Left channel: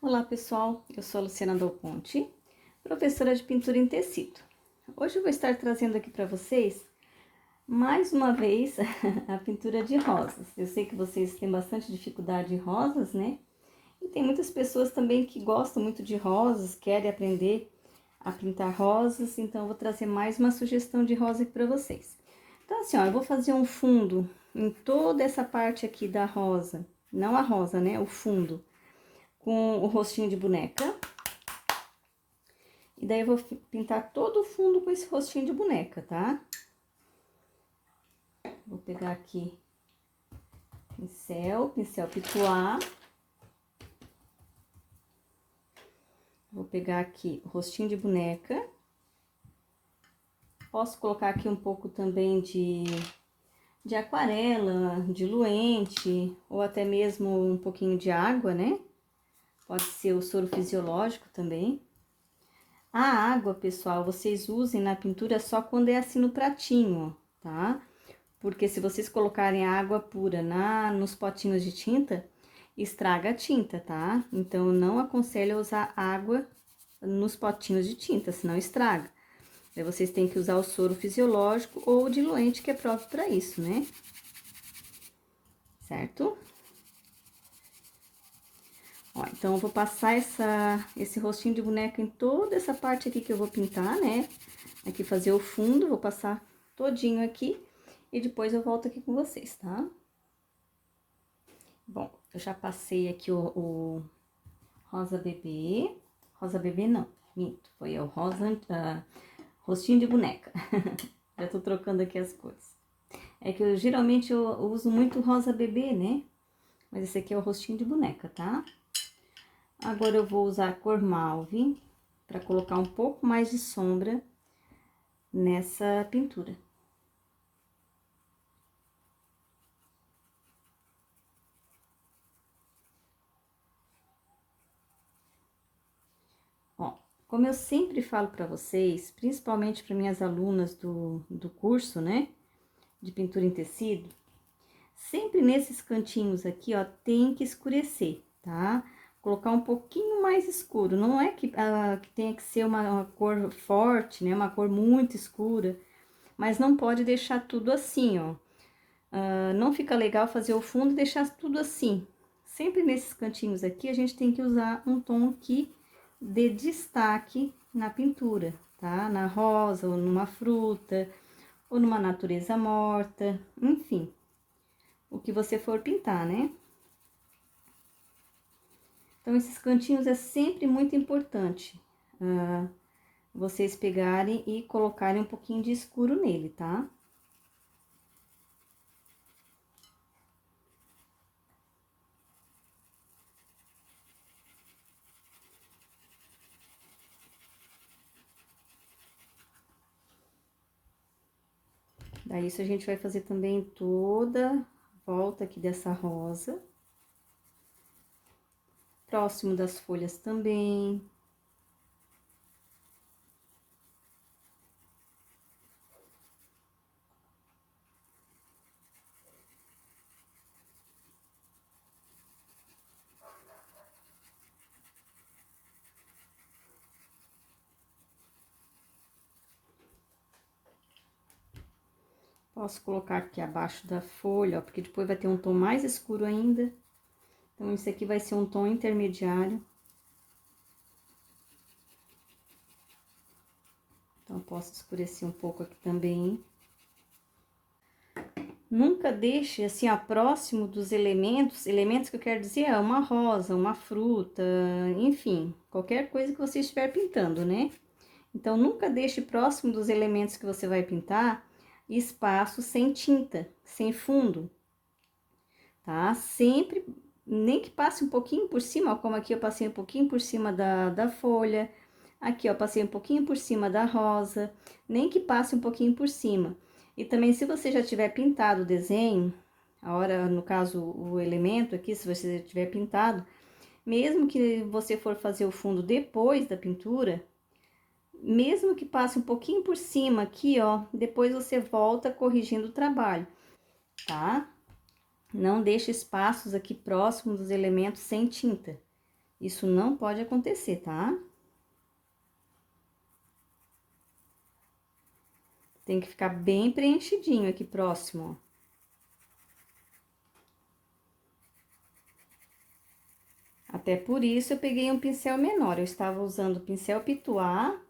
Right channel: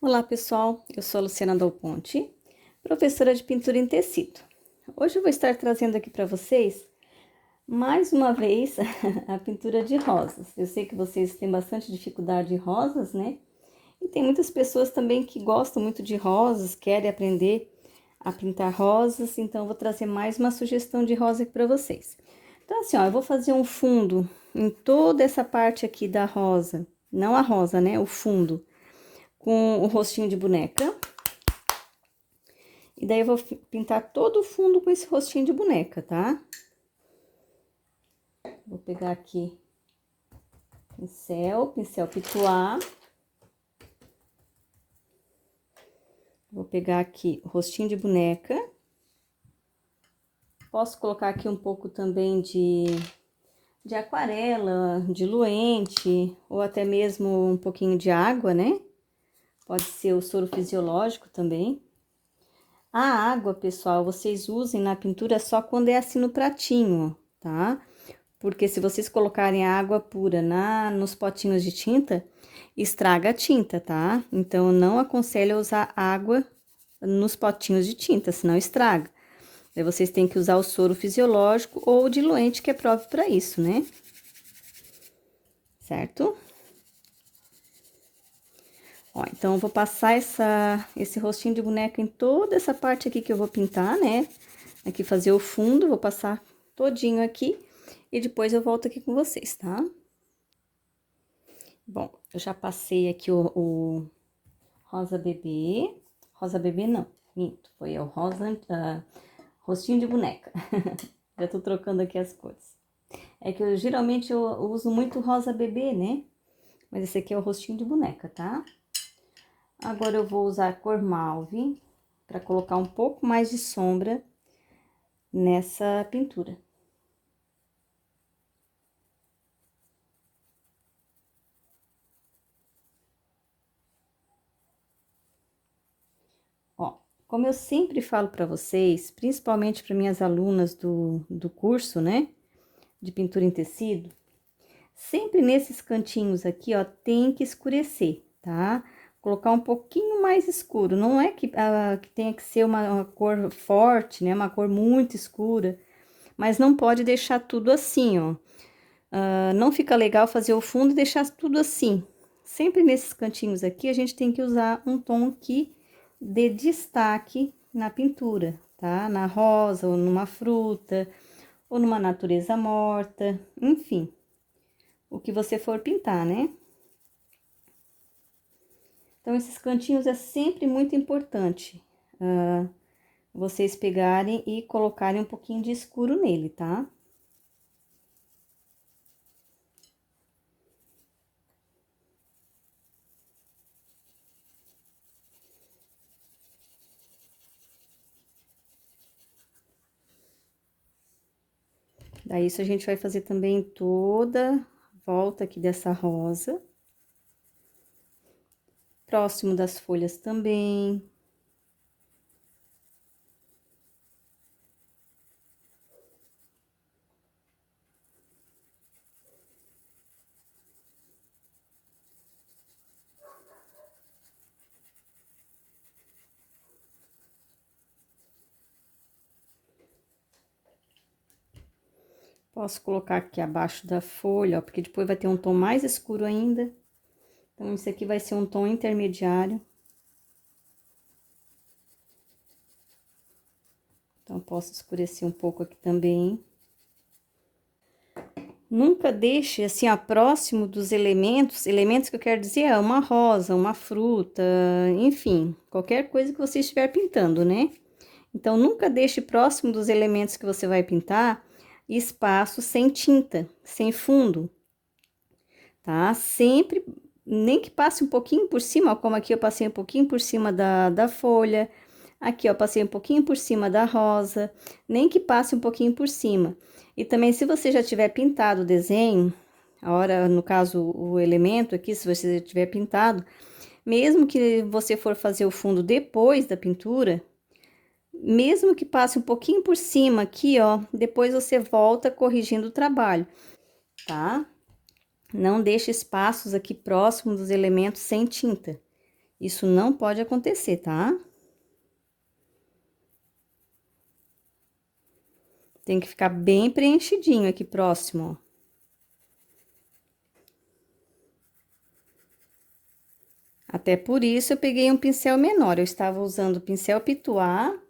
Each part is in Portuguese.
Olá pessoal, eu sou a Luciana Dal Ponte, professora de pintura em tecido. Hoje eu vou estar trazendo aqui para vocês, mais uma vez, a pintura de rosas. Eu sei que vocês têm bastante dificuldade em rosas, né? E tem muitas pessoas também que gostam muito de rosas, querem aprender a pintar rosas, então eu vou trazer mais uma sugestão de rosa aqui para vocês. Então assim, ó, eu vou fazer um fundo em toda essa parte aqui da rosa, não a rosa, né? O fundo, com o rostinho de boneca. E daí, eu vou pintar todo o fundo com esse rostinho de boneca, tá? Vou pegar aqui pincel pituá. Vou pegar aqui o rostinho de boneca. Posso colocar aqui um pouco também de aquarela, diluente, ou até mesmo um pouquinho de água, né? Pode ser o soro fisiológico também. A água, pessoal, vocês usem na pintura só quando é assim no pratinho, tá? Porque se vocês colocarem a água pura nos potinhos de tinta, estraga a tinta, tá? Então, eu não aconselho usar água nos potinhos de tinta, senão estraga. Daí, vocês têm que usar o soro fisiológico ou o diluente, que é próprio para isso, né? Certo? Ó, então, eu vou passar esse rostinho de boneca em toda essa parte aqui que eu vou pintar, né? Aqui fazer o fundo, vou passar todinho aqui e depois eu volto aqui com vocês, tá? Bom, eu já passei aqui o rosa bebê. Rosa bebê não, minto, foi o rosa, rostinho de boneca. Já tô trocando aqui as cores. É que geralmente eu uso muito rosa bebê, né? Mas esse aqui é o rostinho de boneca, tá? Agora eu vou usar a cor mauve para colocar um pouco mais de sombra nessa pintura. Ó, como eu sempre falo para vocês, principalmente para minhas alunas do curso, né, de pintura em tecido, sempre nesses cantinhos aqui, ó, tem que escurecer, tá? Colocar um pouquinho mais escuro, não é que tenha que ser uma cor forte, né, uma cor muito escura, mas não pode deixar tudo assim, ó. Não fica legal fazer o fundo e deixar tudo assim. Sempre nesses cantinhos aqui, a gente tem que usar um tom que dê destaque na pintura, tá? Na rosa, ou numa fruta, ou numa natureza morta, enfim, o que você for pintar, né? Então, esses cantinhos é sempre muito importante, vocês pegarem e colocarem um pouquinho de escuro nele, tá? Daí, isso a gente vai fazer também toda a volta aqui dessa rosa. Próximo das folhas também. Posso colocar aqui abaixo da folha, ó, porque depois vai ter um tom mais escuro ainda. Então, esse aqui vai ser um tom intermediário. Então, posso escurecer um pouco aqui também. Nunca deixe, assim, ó, próximo dos elementos que eu quero dizer, é uma rosa, uma fruta, enfim, qualquer coisa que você estiver pintando, né? Então, nunca deixe próximo dos elementos que você vai pintar espaço sem tinta, sem fundo, tá? Sempre, nem que passe um pouquinho por cima, ó, como aqui eu passei um pouquinho por cima da folha, aqui, ó, passei um pouquinho por cima da rosa, nem que passe um pouquinho por cima. E também, se você já tiver pintado o desenho, a hora, no caso, o elemento aqui, se você já tiver pintado, mesmo que você for fazer o fundo depois da pintura, mesmo que passe um pouquinho por cima aqui, ó, depois você volta corrigindo o trabalho, tá? Não deixe espaços aqui próximos dos elementos sem tinta, Isso não pode acontecer, tá? Tem que ficar bem preenchidinho aqui próximo, ó. Até por isso eu peguei um pincel menor. Eu estava usando o pincel Pituá.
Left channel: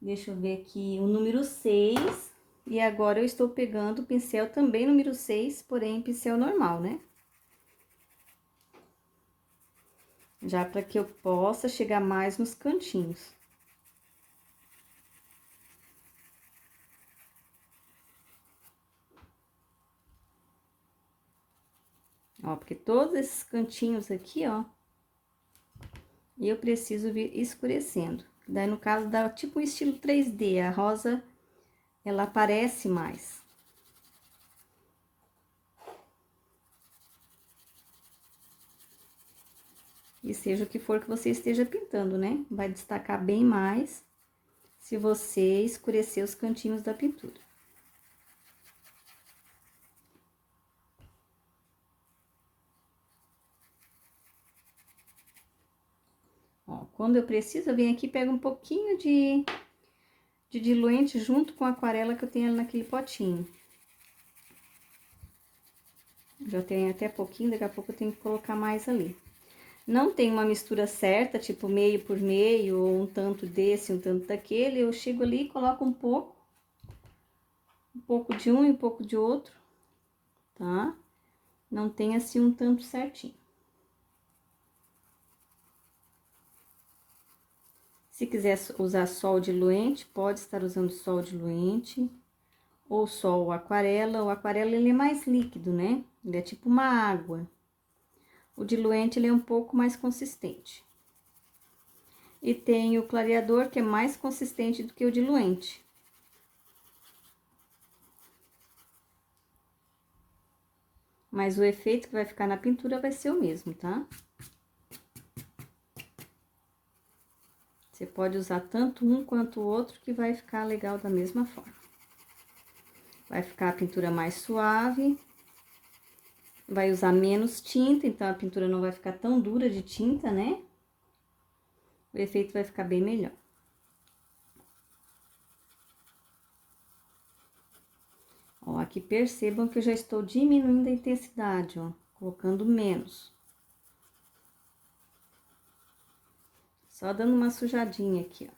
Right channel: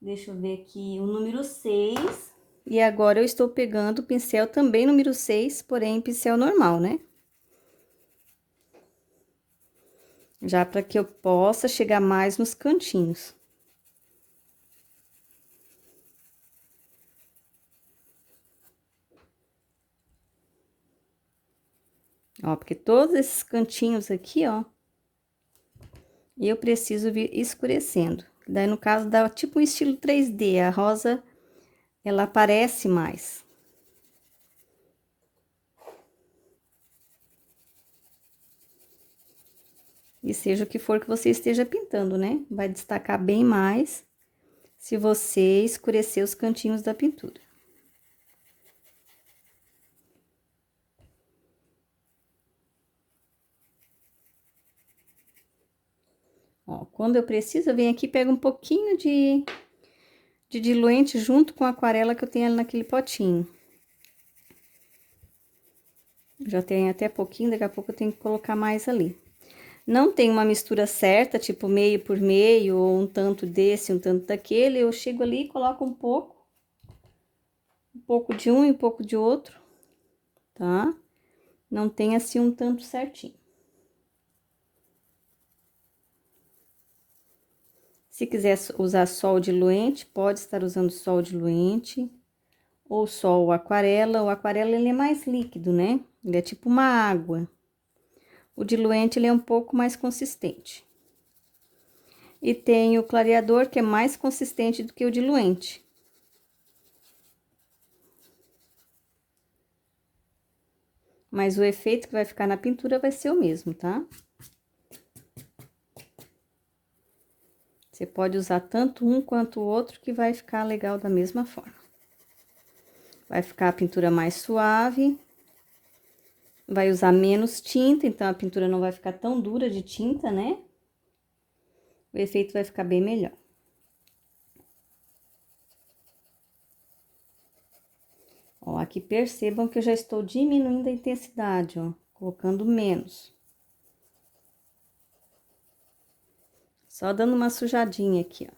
Deixa eu ver aqui, o número 6. E agora eu estou pegando o pincel também número 6, porém pincel normal, né? Já para que eu possa chegar mais nos cantinhos. Ó, porque todos esses cantinhos aqui, ó, eu preciso vir escurecendo. Daí, no caso, dá tipo um estilo 3D, a rosa, ela aparece mais. E seja o que for que você esteja pintando, né? Vai destacar bem mais se você escurecer os cantinhos da pintura. Ó, quando eu preciso, eu venho aqui e pego um pouquinho de diluente junto com a aquarela que eu tenho ali naquele potinho. Já tem até pouquinho, daqui a pouco eu tenho que colocar mais ali. Não tem uma mistura certa, tipo meio por meio, ou um tanto desse, um tanto daquele. Eu chego ali e coloco um pouco de um e um pouco de outro, tá? Não tem assim um tanto certinho. Se quiser usar só o diluente, pode estar usando só o diluente, ou só o aquarela. O aquarela, ele é mais líquido, né? Ele é tipo uma água. O diluente, ele é um pouco mais consistente. E tem o clareador, que é mais consistente do que o diluente. Mas o efeito que vai ficar na pintura vai ser o mesmo, tá? Você pode usar tanto um quanto o outro, que vai ficar legal da mesma forma. Vai ficar a pintura mais suave. Vai usar menos tinta, então a pintura não vai ficar tão dura de tinta, né? O efeito vai ficar bem melhor. Ó, aqui percebam que eu já estou diminuindo a intensidade, ó, colocando menos. Só dando uma sujadinha aqui, ó.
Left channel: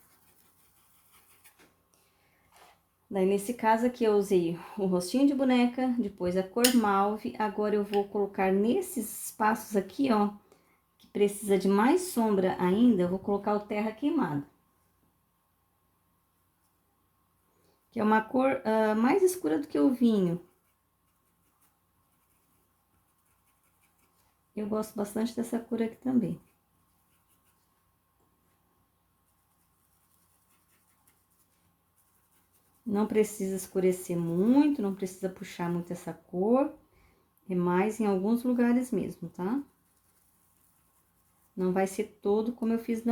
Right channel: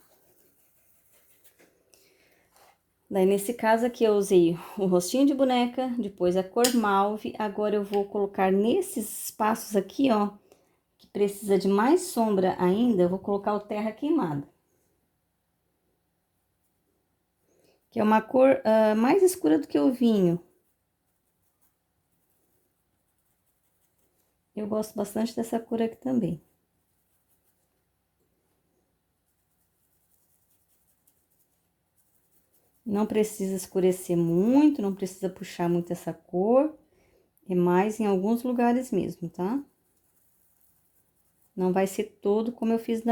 Daí, nesse caso aqui, eu usei o rostinho de boneca, depois a cor mauve. Agora, eu vou colocar nesses espaços aqui, ó, que precisa de mais sombra ainda, eu vou colocar o terra queimada. Que é uma cor mais escura do que o vinho. Eu gosto bastante dessa cor aqui também. Não precisa escurecer muito, não precisa puxar muito essa cor. É mais em alguns lugares mesmo, tá? Não vai ser todo como eu fiz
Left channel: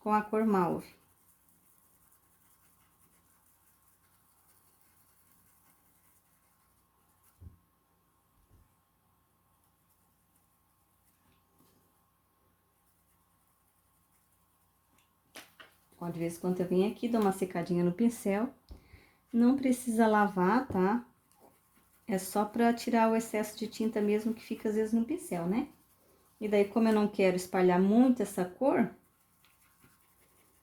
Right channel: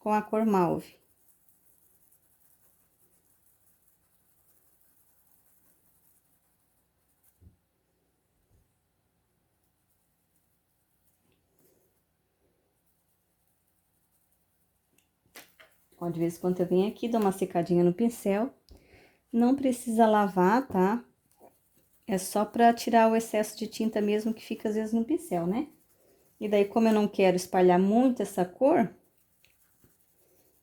com a cor mauve. Ó, de vez em quando eu venho aqui, dou uma secadinha no pincel. Não precisa lavar, tá? É só pra tirar o excesso de tinta mesmo que fica às vezes no pincel, né? E daí, como eu não quero espalhar muito essa cor,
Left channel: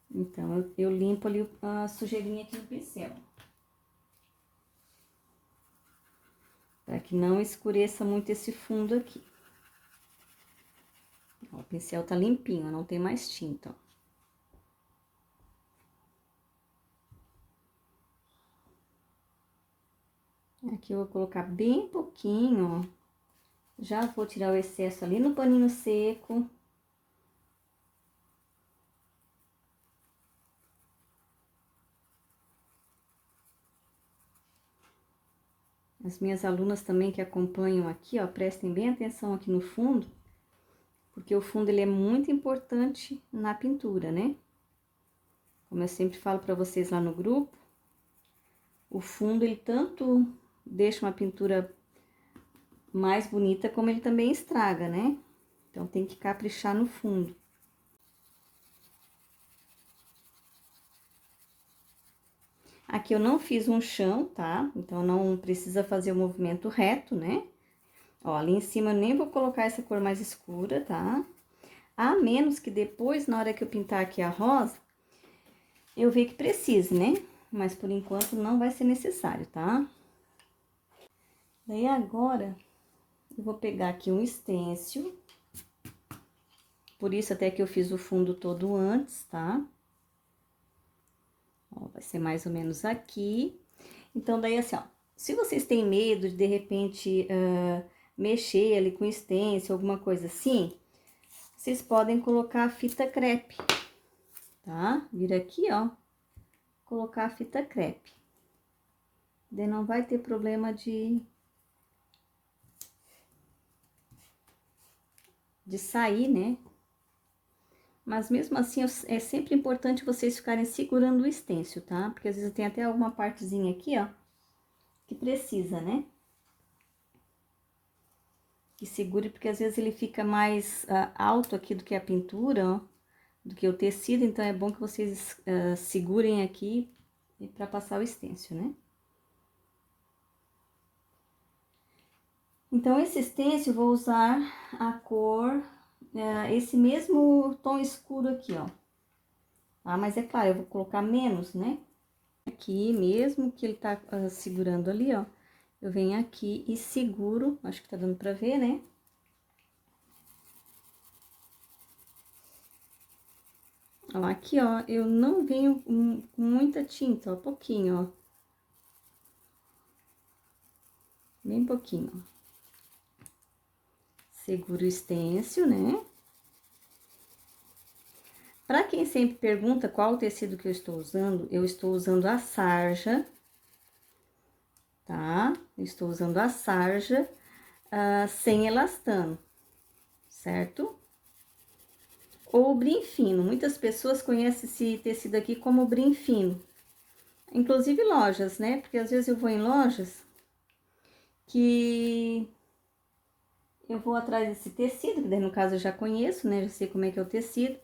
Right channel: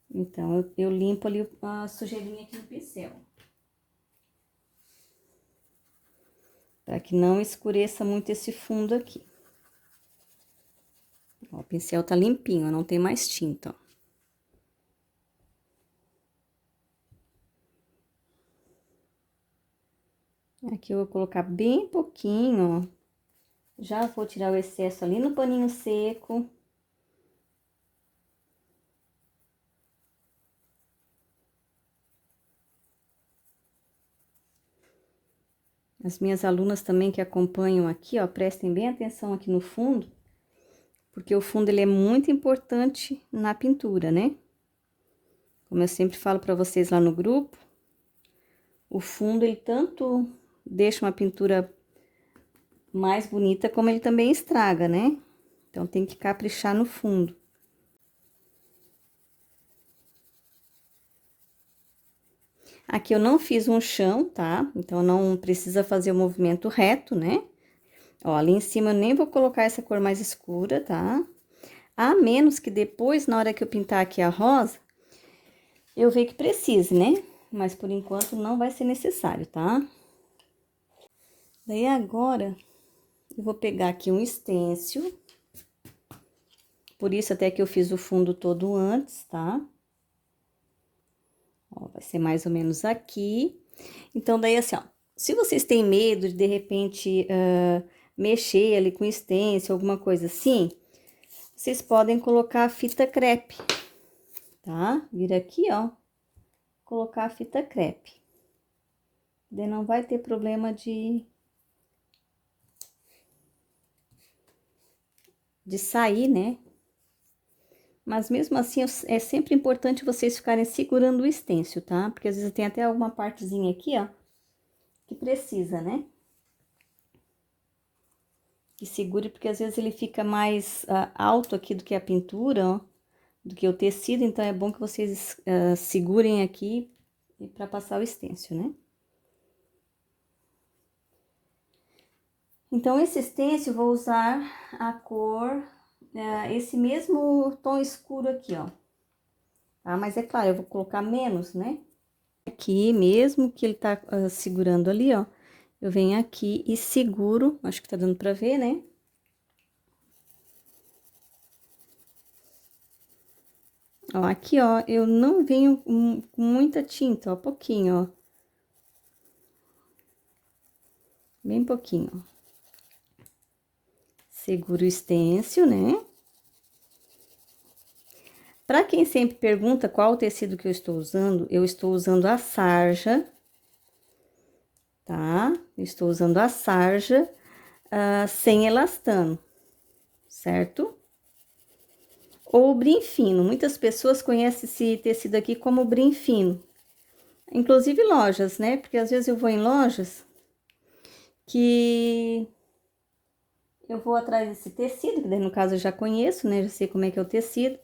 então eu limpo ali a sujeirinha aqui no pincel. Para que não escureça muito esse fundo aqui. Ó, o pincel tá limpinho, não tem mais tinta, ó. Aqui eu vou colocar bem pouquinho, ó. Já vou tirar o excesso ali no paninho seco. As minhas alunas também que acompanham aqui, ó, prestem bem atenção aqui no fundo, porque o fundo ele é muito importante na pintura, né? Como eu sempre falo para vocês lá no grupo, o fundo ele tanto deixa uma pintura mais bonita, como ele também estraga, né? Então tem que caprichar no fundo. Aqui eu não fiz um chão, tá? Então, não precisa fazer o movimento reto, né? Ó, ali em cima eu nem vou colocar essa cor mais escura, tá? A menos que depois, na hora que eu pintar aqui a rosa, eu ver que precise, né? Mas por enquanto não vai ser necessário, tá? Daí agora, eu vou pegar aqui um stencil. Por isso até que eu fiz o fundo todo antes, tá? Ó, vai ser mais ou menos aqui. Então, daí assim, ó. Se vocês têm medo de repente, mexer ali com stencil, alguma coisa assim, vocês podem colocar a fita crepe, tá? Vir aqui, ó, colocar a fita crepe. Daí não vai ter problema de sair, né? Mas mesmo assim, é sempre importante vocês ficarem segurando o stencil, tá? Porque às vezes tem até alguma partezinha aqui, ó, que precisa, né? Que segure, porque às vezes ele fica mais alto aqui do que a pintura, ó, do que o tecido, então é bom que vocês segurem aqui para passar o stencil, né? Então, esse stencil eu vou usar a cor, esse mesmo tom escuro aqui, ó. Tá? Mas é claro, eu vou colocar menos, né? Aqui, mesmo que ele tá segurando ali, ó, eu venho aqui e seguro, acho que tá dando pra ver, né? Ó, aqui, ó, eu não venho com muita tinta, ó, pouquinho, ó. Bem pouquinho, ó. Seguro o stencil, né? Pra quem sempre pergunta qual o tecido que eu estou usando a sarja, tá? Estou usando a sarja sem elastano, certo? Ou brim fino. Muitas pessoas conhecem esse tecido aqui como brim fino. Inclusive lojas, né? Porque às vezes eu vou em lojas que eu vou atrás desse tecido, que daí no caso eu já conheço, né? Já sei como é que é o tecido.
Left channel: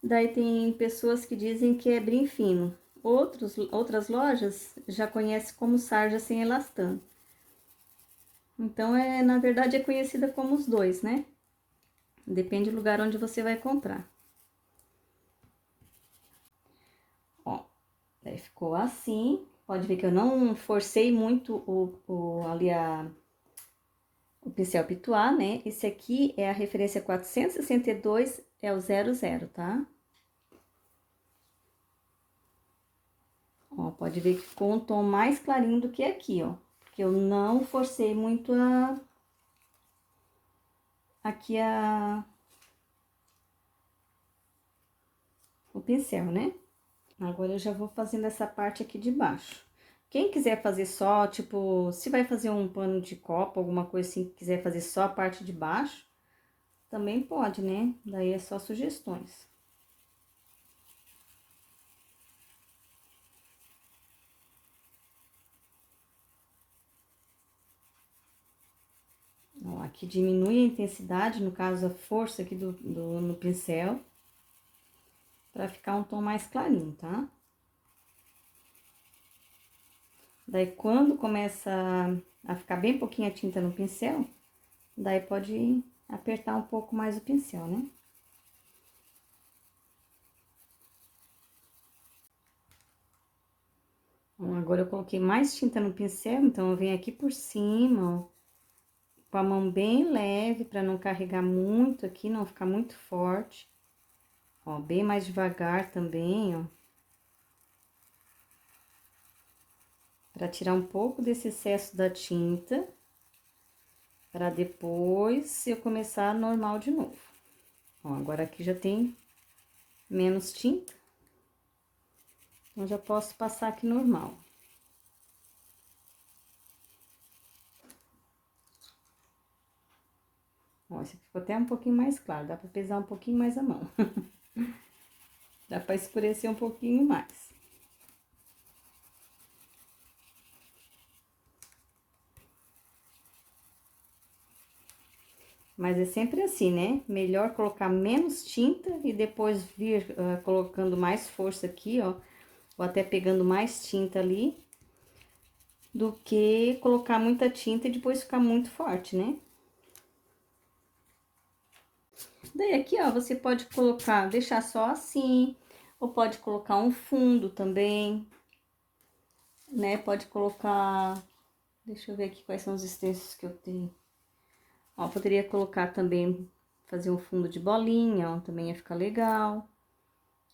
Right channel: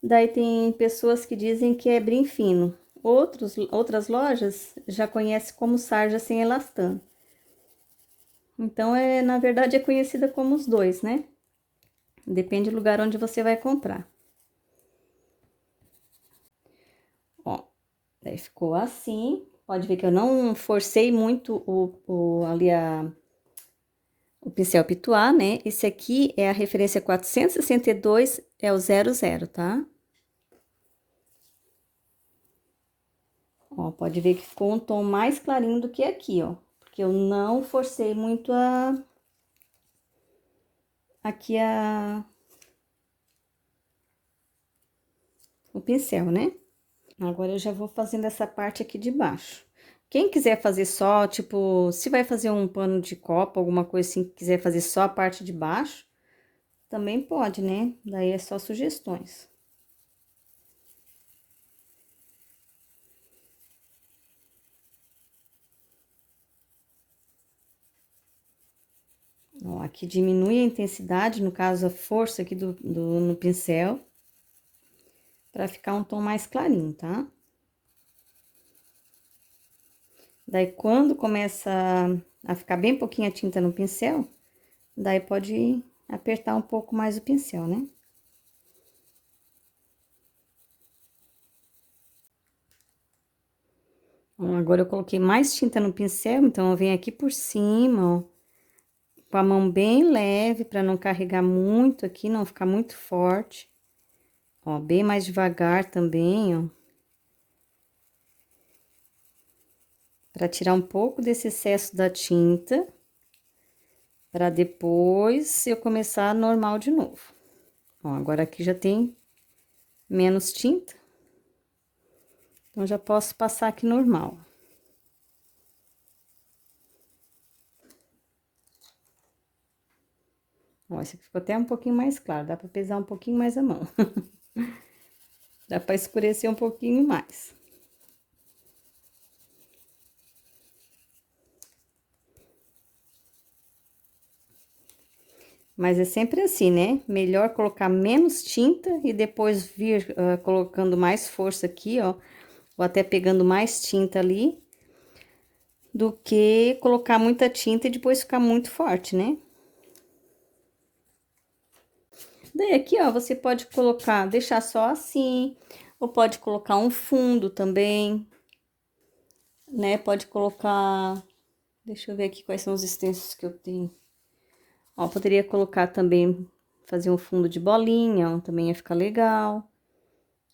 Daí tem pessoas que dizem que é brim fino. Outras lojas já conhecem como sarja sem elastano. Então, na verdade, é conhecida como os dois, né? Depende do lugar onde você vai comprar. Ó, daí ficou assim. Pode ver que eu não forcei muito ali o pincel pituar, né? Esse aqui é a referência 462, é o 00, tá? Ó, pode ver que ficou um tom mais clarinho do que aqui, ó. Porque eu não forcei muito aqui o pincel, né? Agora eu já vou fazendo essa parte aqui de baixo. Quem quiser fazer só, tipo, se vai fazer um pano de copa, alguma coisa assim, quiser fazer só a parte de baixo, também pode, né? Daí é só sugestões. Ó, aqui diminui a intensidade, no caso, a força aqui no pincel, pra ficar um tom mais clarinho, tá? Daí, quando começa a ficar bem pouquinha tinta no pincel, daí pode apertar um pouco mais o pincel, né? Bom, agora eu coloquei mais tinta no pincel, então eu venho aqui por cima, ó, com a mão bem leve, pra não carregar muito aqui, não ficar muito forte. Ó, bem mais devagar também, ó. Pra tirar um pouco desse excesso da tinta, pra depois eu começar normal de novo. Ó, agora aqui já tem menos tinta, então já posso passar aqui normal. Ó, esse aqui ficou até um pouquinho mais claro, dá pra pesar um pouquinho mais a mão. Dá pra escurecer um pouquinho mais. Mas é sempre assim, né? Melhor colocar menos tinta e depois vir colocando mais força aqui, ó, ou até pegando mais tinta ali, do que colocar muita tinta e depois ficar muito forte, né? Daí aqui, ó, você pode colocar, deixar só assim, ou pode colocar um fundo também, né? Pode colocar, deixa eu ver aqui quais são os extensos que eu tenho. Ó, poderia colocar também, fazer um fundo de bolinha, também ia ficar legal.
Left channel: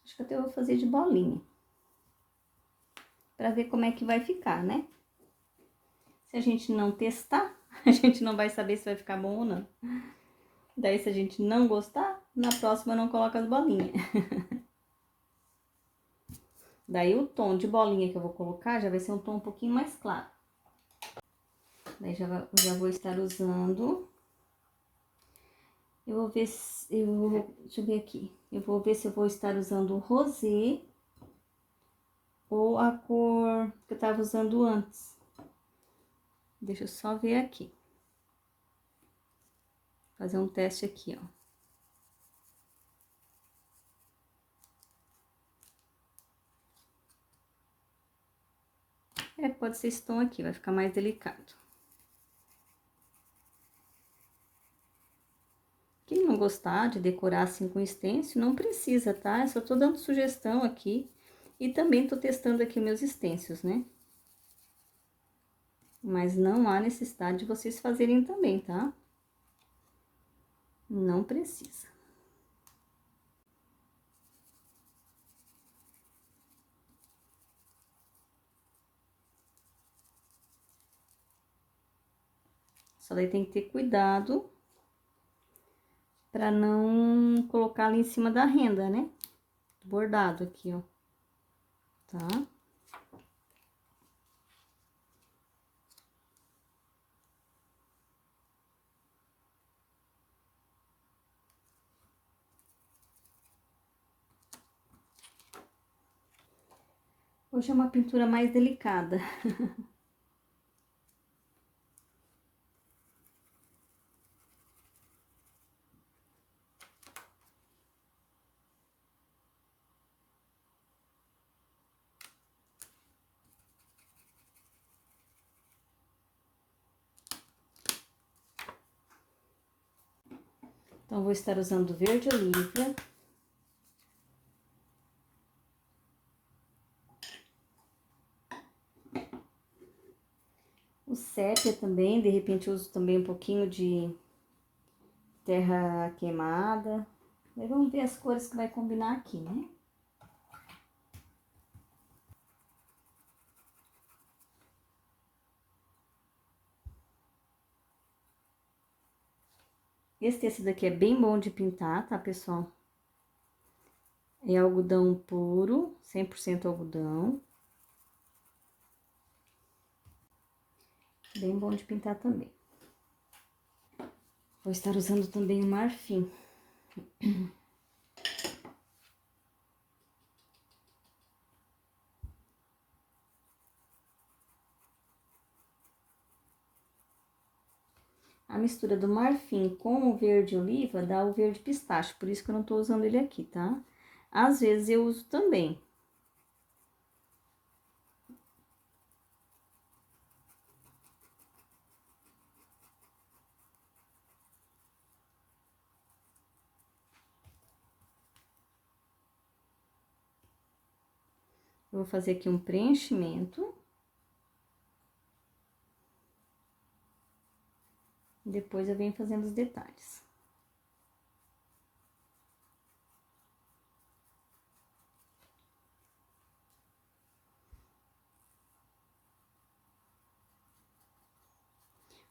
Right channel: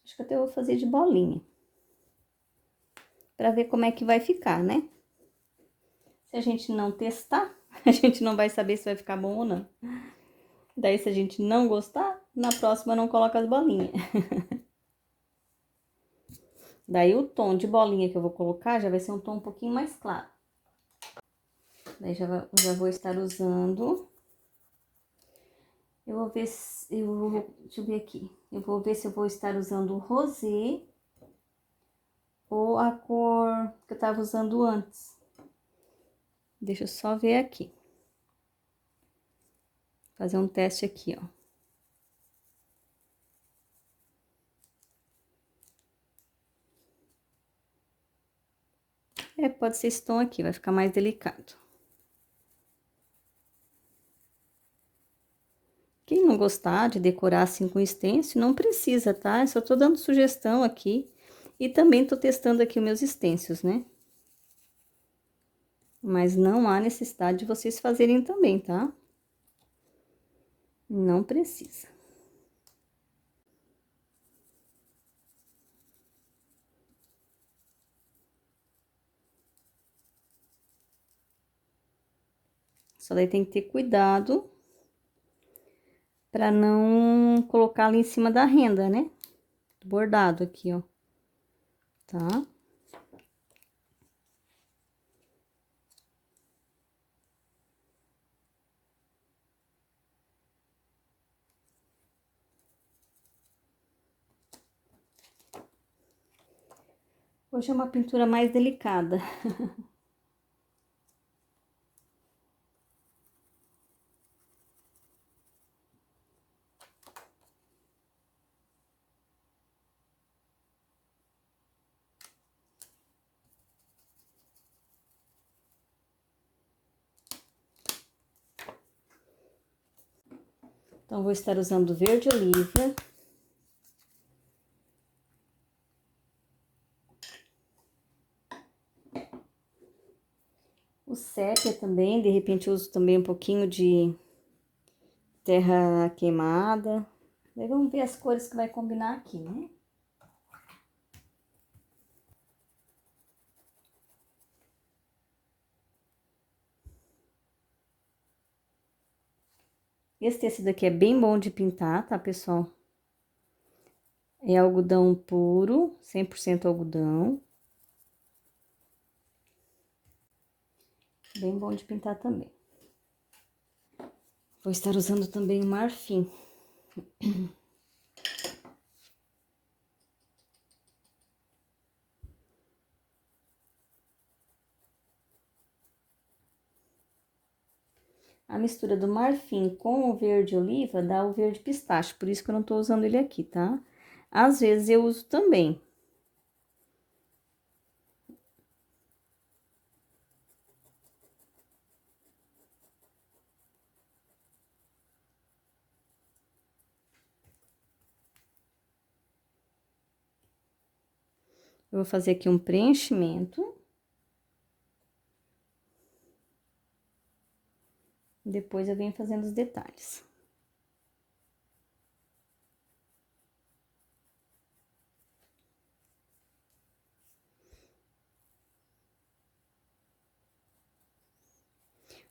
Acho que até eu vou fazer de bolinha. Pra ver como é que vai ficar, né? Se a gente não testar, a gente não vai saber se vai ficar bom ou não. Daí, se a gente não gostar, na próxima não coloca as bolinhas. Daí, o tom de bolinha que eu vou colocar já vai ser um tom um pouquinho mais claro. Daí, já vou estar usando. Eu vou ver se... deixa eu ver aqui. Eu vou ver se eu vou estar usando o rosé ou a cor que eu tava usando antes. Deixa eu só ver aqui. Fazer um teste aqui, ó. Pode ser esse tom aqui, vai ficar mais delicado. Quem não gostar de decorar assim com stencil, não precisa, tá? Eu só tô dando sugestão aqui. E também tô testando aqui os meus stencils, né? Mas não há necessidade de vocês fazerem também, tá? Não precisa. Só daí tem que ter cuidado pra não colocar ali em cima da renda, né? Bordado aqui, ó. Tá? Hoje é uma pintura mais delicada. Então, vou estar usando verde oliva. O sépia também, de repente eu uso também um pouquinho de terra queimada. Daí vamos ver as cores que vai combinar aqui, né? Esse tecido aqui é bem bom de pintar, tá, pessoal? É algodão puro, 100% algodão. Bem bom de pintar também. Vou estar usando também o marfim. A mistura do marfim com o verde oliva dá o verde pistache, por isso que eu não tô usando ele aqui, tá? Às vezes eu uso também. Eu vou fazer aqui um preenchimento. Depois eu venho fazendo os detalhes.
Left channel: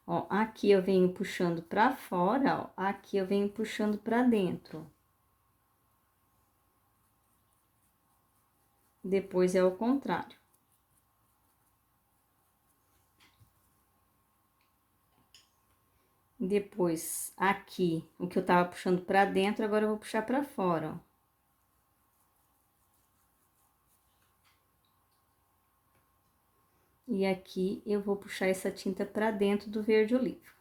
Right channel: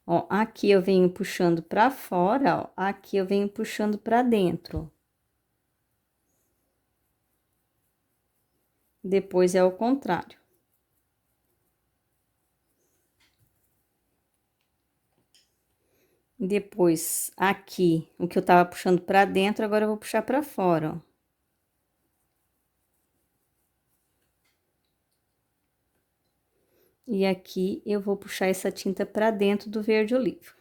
Ó, aqui eu venho puxando pra fora, ó, aqui eu venho puxando pra dentro. Depois é o contrário. Depois, aqui, o que eu tava puxando pra dentro, agora eu vou puxar pra fora, ó. E aqui eu vou puxar essa tinta pra dentro do verde oliva.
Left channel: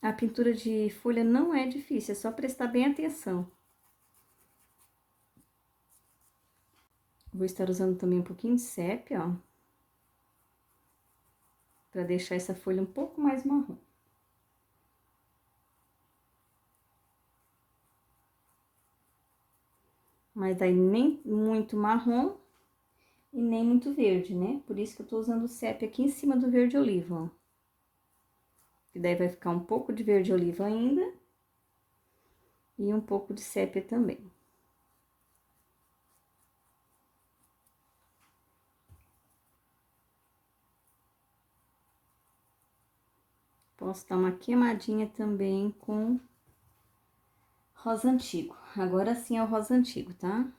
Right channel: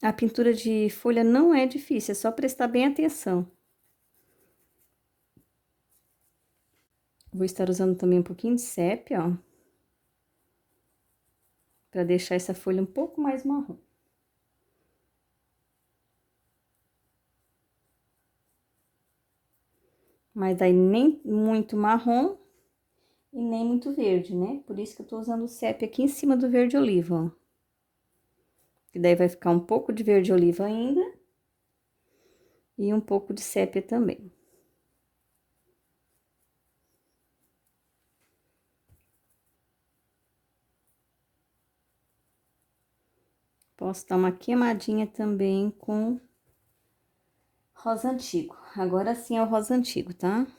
A pintura de folha não é difícil, é só prestar bem atenção. Vou estar usando também um pouquinho de sépia, ó. Pra deixar essa folha um pouco mais marrom. Mas daí nem muito marrom e nem muito verde, né? Por isso que eu tô usando o sépia aqui em cima do verde oliva, ó. Que daí vai ficar um pouco de verde oliva ainda. E um pouco de sépia também. Posso dar uma queimadinha também com rosa antigo. Agora sim é o rosa antigo, tá?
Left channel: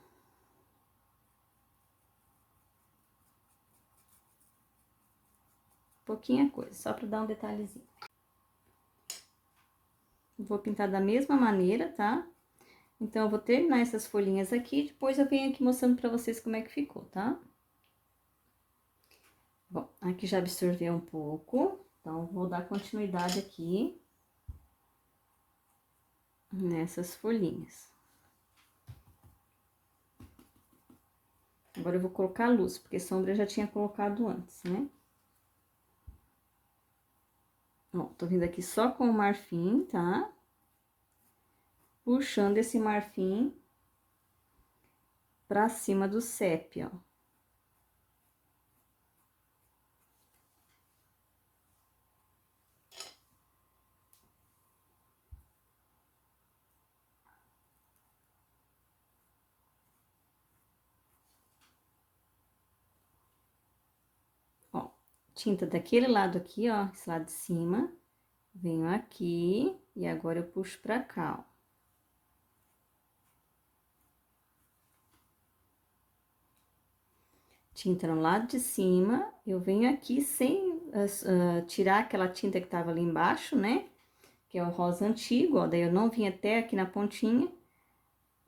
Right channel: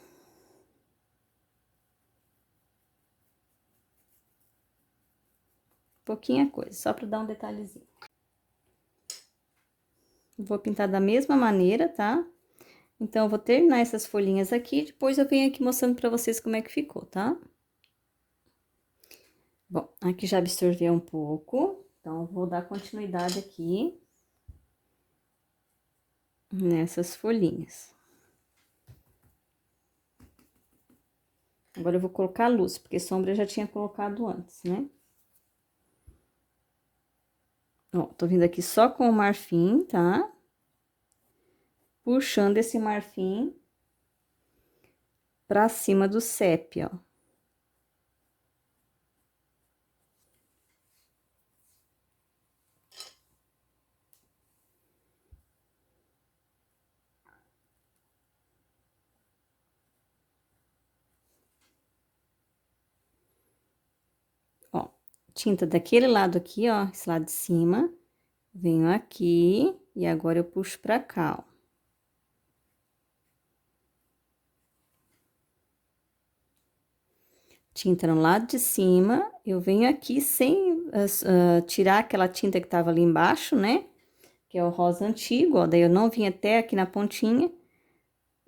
Pouquinha coisa, só pra dar um detalhezinho. Vou pintar da mesma maneira, tá? Então, eu vou terminar essas folhinhas aqui, depois eu venho aqui mostrando pra vocês como é que ficou, tá? Bom, aqui já absorveu um pouco, então, vou dar continuidade aqui nessas folhinhas. Agora, eu vou colocar a luz, porque sombra eu já tinha colocado antes, né? Ó, tô vindo aqui só com o marfim, tá? Puxando esse marfim pra cima do sépia, ó. Ó, tinta daquele lado aqui, ó, esse lado de cima. Venho aqui e agora eu puxo pra cá, ó. Tinta no lado de cima, eu venho aqui sem tirar aquela tinta que tava ali embaixo, né? Que é o rosa antigo, ó. Daí eu não vim até aqui na pontinha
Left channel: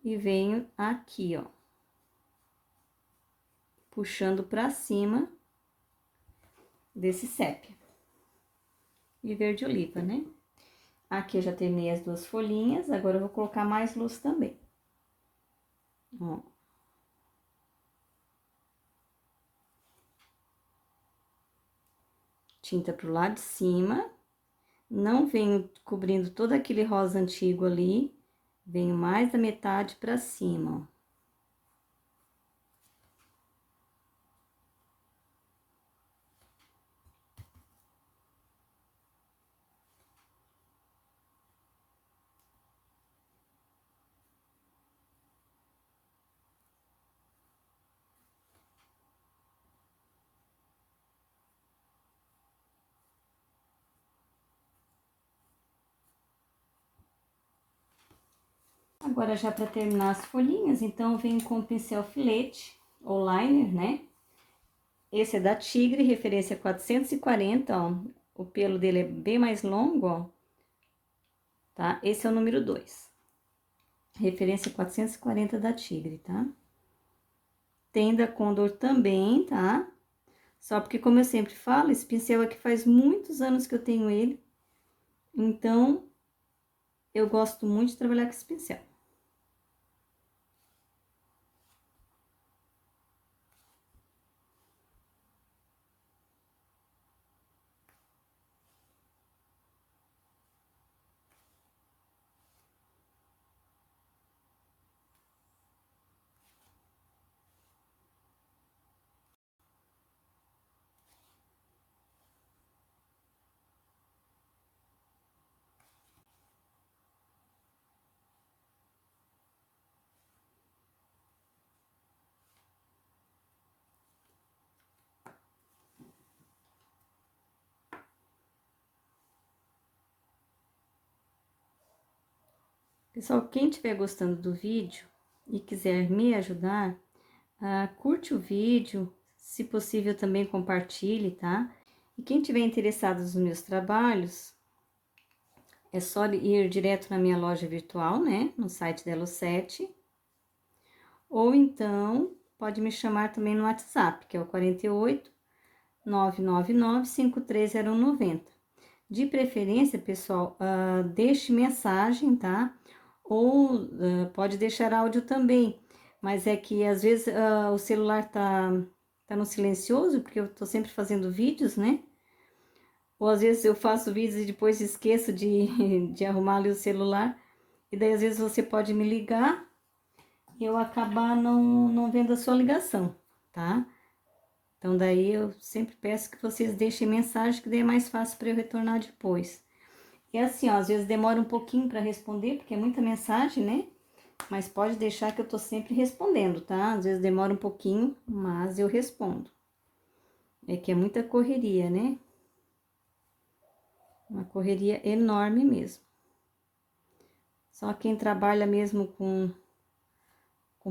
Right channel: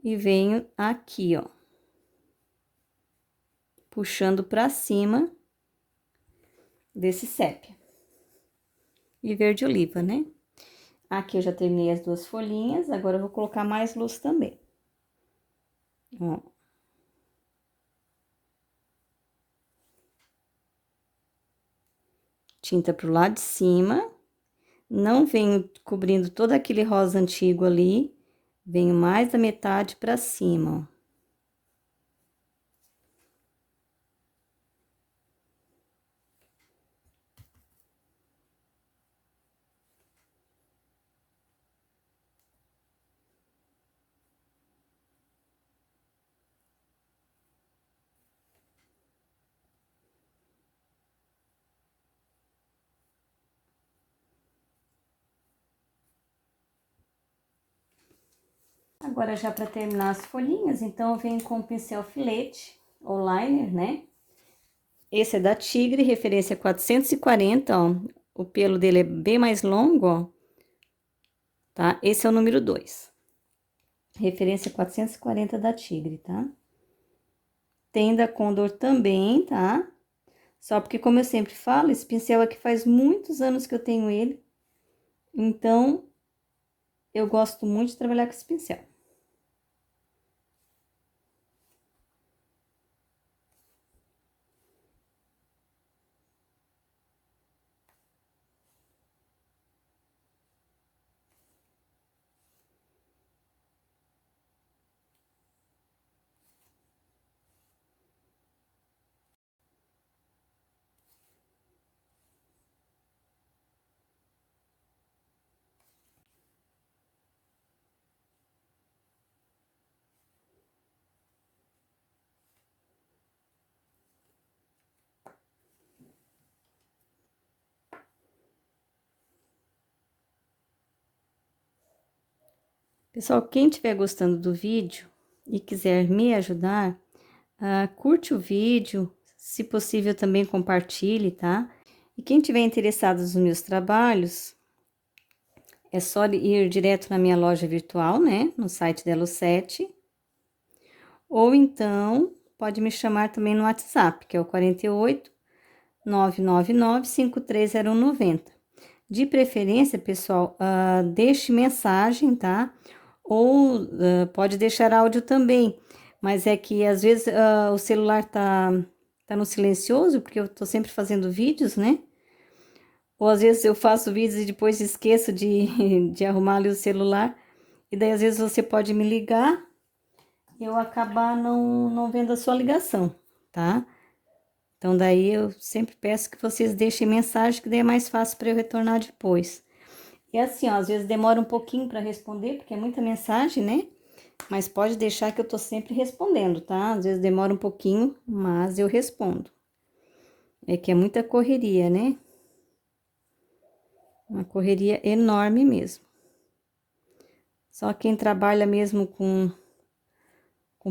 e venho aqui, ó. Puxando pra cima desse sépia. E verde oliva, né? Aqui eu já terminei as duas folhinhas, agora eu vou colocar mais luz também. Ó. Tinta pro lado de cima. Não venho cobrindo todo aquele rosa antigo ali, venho mais da metade pra cima, ó. Agora, já para terminar as folhinhas, então, eu venho com o pincel filete, ou liner, né? Esse é da Tigre, referência 440, ó. O pelo dele é bem mais longo, ó. Tá? Esse é o número 2. Referência 440 da Tigre, tá? Tem da Condor também, tá? Só porque, como eu sempre falo, esse pincel aqui faz muitos anos que eu tenho ele. Então, eu gosto muito de trabalhar com esse pincel. Pessoal, quem estiver gostando do vídeo e quiser me ajudar, curte o vídeo, se possível também compartilhe, tá? E quem tiver interessado nos meus trabalhos, é só ir direto na minha loja virtual, né? No site da Elo7. Ou então, pode me chamar também no WhatsApp, que é o 48 999 530190. De preferência, pessoal, deixe mensagem, tá? Ou pode deixar áudio também, mas é que às vezes o celular tá no silencioso, porque eu tô sempre fazendo vídeos, né? Ou às vezes eu faço vídeos e depois esqueço de arrumar ali o celular, e daí às vezes você pode me ligar e eu acabar não vendo a sua ligação, tá? Então daí eu sempre peço que vocês deixem mensagem, que daí é mais fácil para eu retornar depois. E assim, ó, às vezes demora um pouquinho para responder, porque é muita mensagem, né? Mas pode deixar que eu tô sempre respondendo, tá? Às vezes demora um pouquinho, mas eu respondo. É que é muita correria, né? Uma correria enorme mesmo. Só quem trabalha mesmo com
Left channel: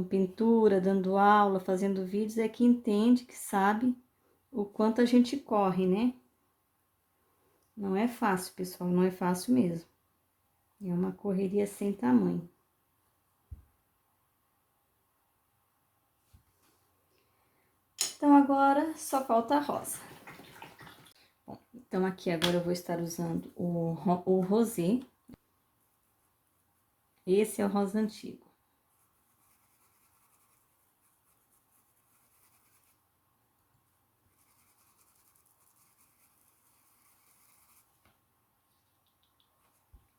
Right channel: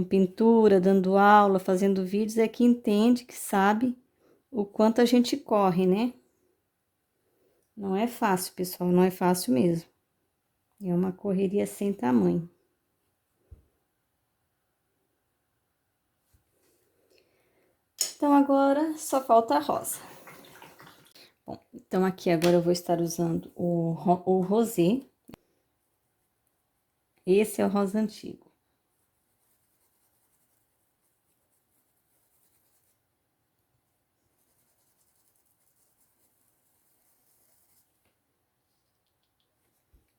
pintura, dando aula, fazendo vídeos, é que entende, que sabe o quanto a gente corre, né? Não é fácil, pessoal, não é fácil mesmo. É uma correria sem tamanho. Então, agora só falta a rosa. Bom, então aqui agora eu vou estar usando o rosé. Esse é o rosa antigo.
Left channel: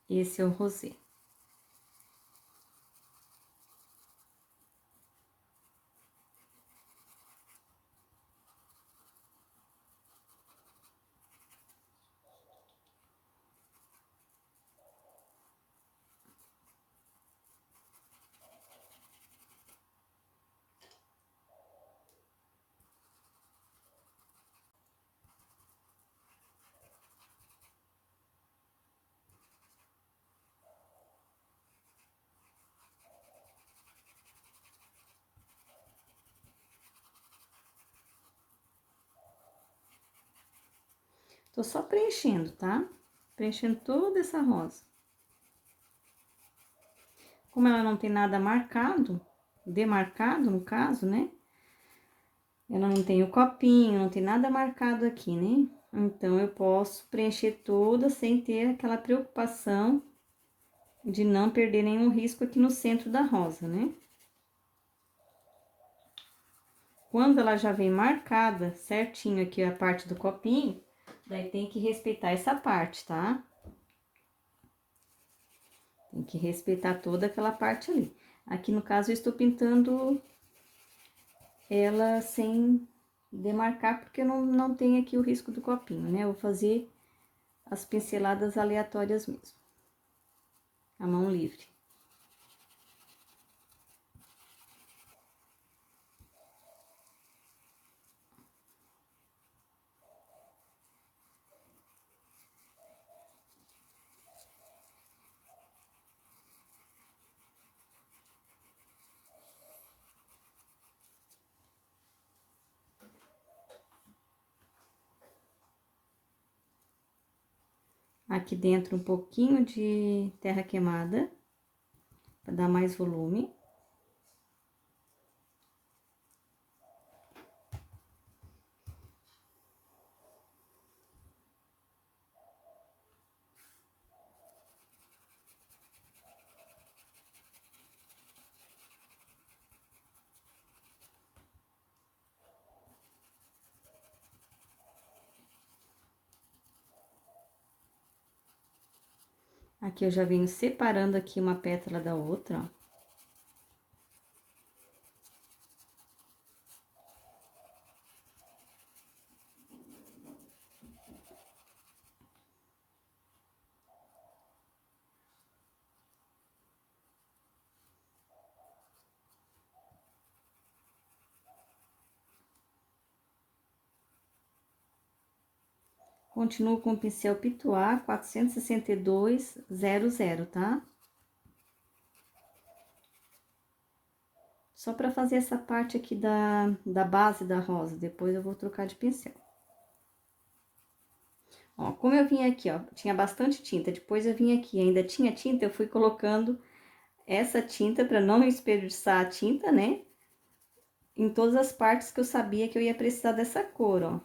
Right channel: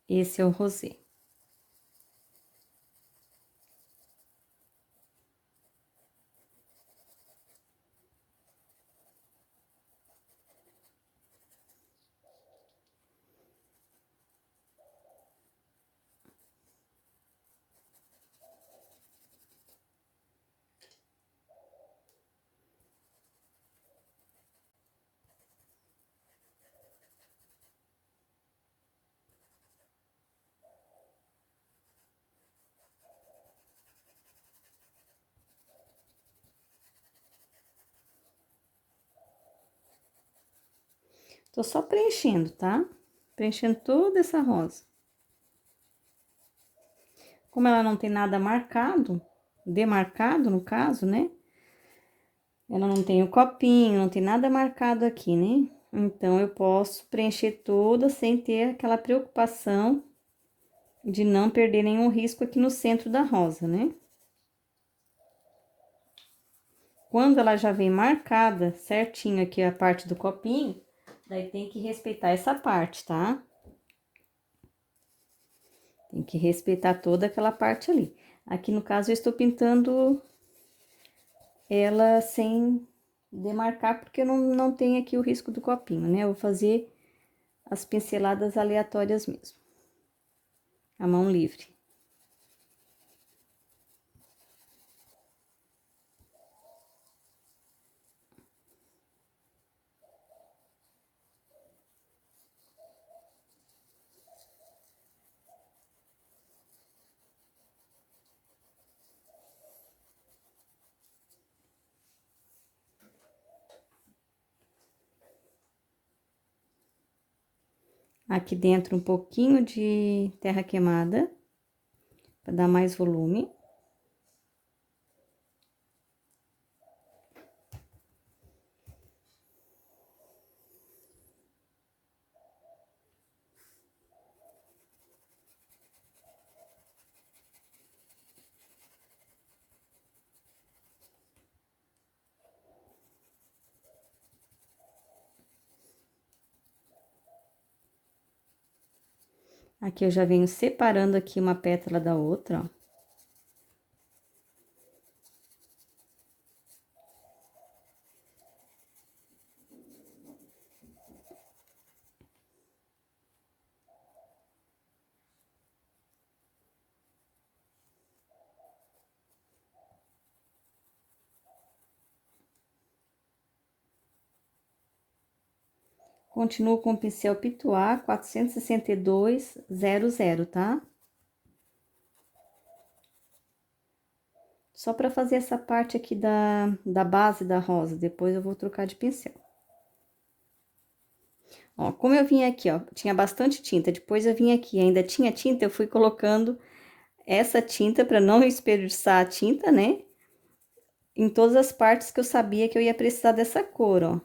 Esse é o rosé. Tô só preenchendo, tá? Preenchendo toda essa rosa. Como ela não tem nada marcado, demarcado no caso, né? Ela não tem o copinho, não tem nada marcado aqui, né? Então, eu posso preencher toda sem ter aquela preocupação de não perder nenhum risco aqui no centro da rosa, né? Quando ela já vem marcada certinho aqui a parte do copinho, daí tem que respeitar essa parte, tá? Tem que respeitar toda aquela parte ali. Aqui no caso eu estou pintando ela sem demarcar, porque eu não tenho aqui o risco do copinho, né? Eu vou fazer as pinceladas aleatórias mesmo, a mão livre. Aqui dentro um pouquinho de terra queimada, para dar mais volume. Aqui eu já venho separando aqui uma pétala da outra, ó. Continuo com o pincel Pituá 46200, tá? Só para fazer essa parte aqui da base da rosa, depois eu vou trocar de pincel. Ó, como eu vim aqui, ó, tinha bastante tinta, depois eu vim aqui, ainda tinha tinta, eu fui colocando essa tinta para não desperdiçar a tinta, né? Em todas as partes que eu sabia que eu ia precisar dessa cor, ó.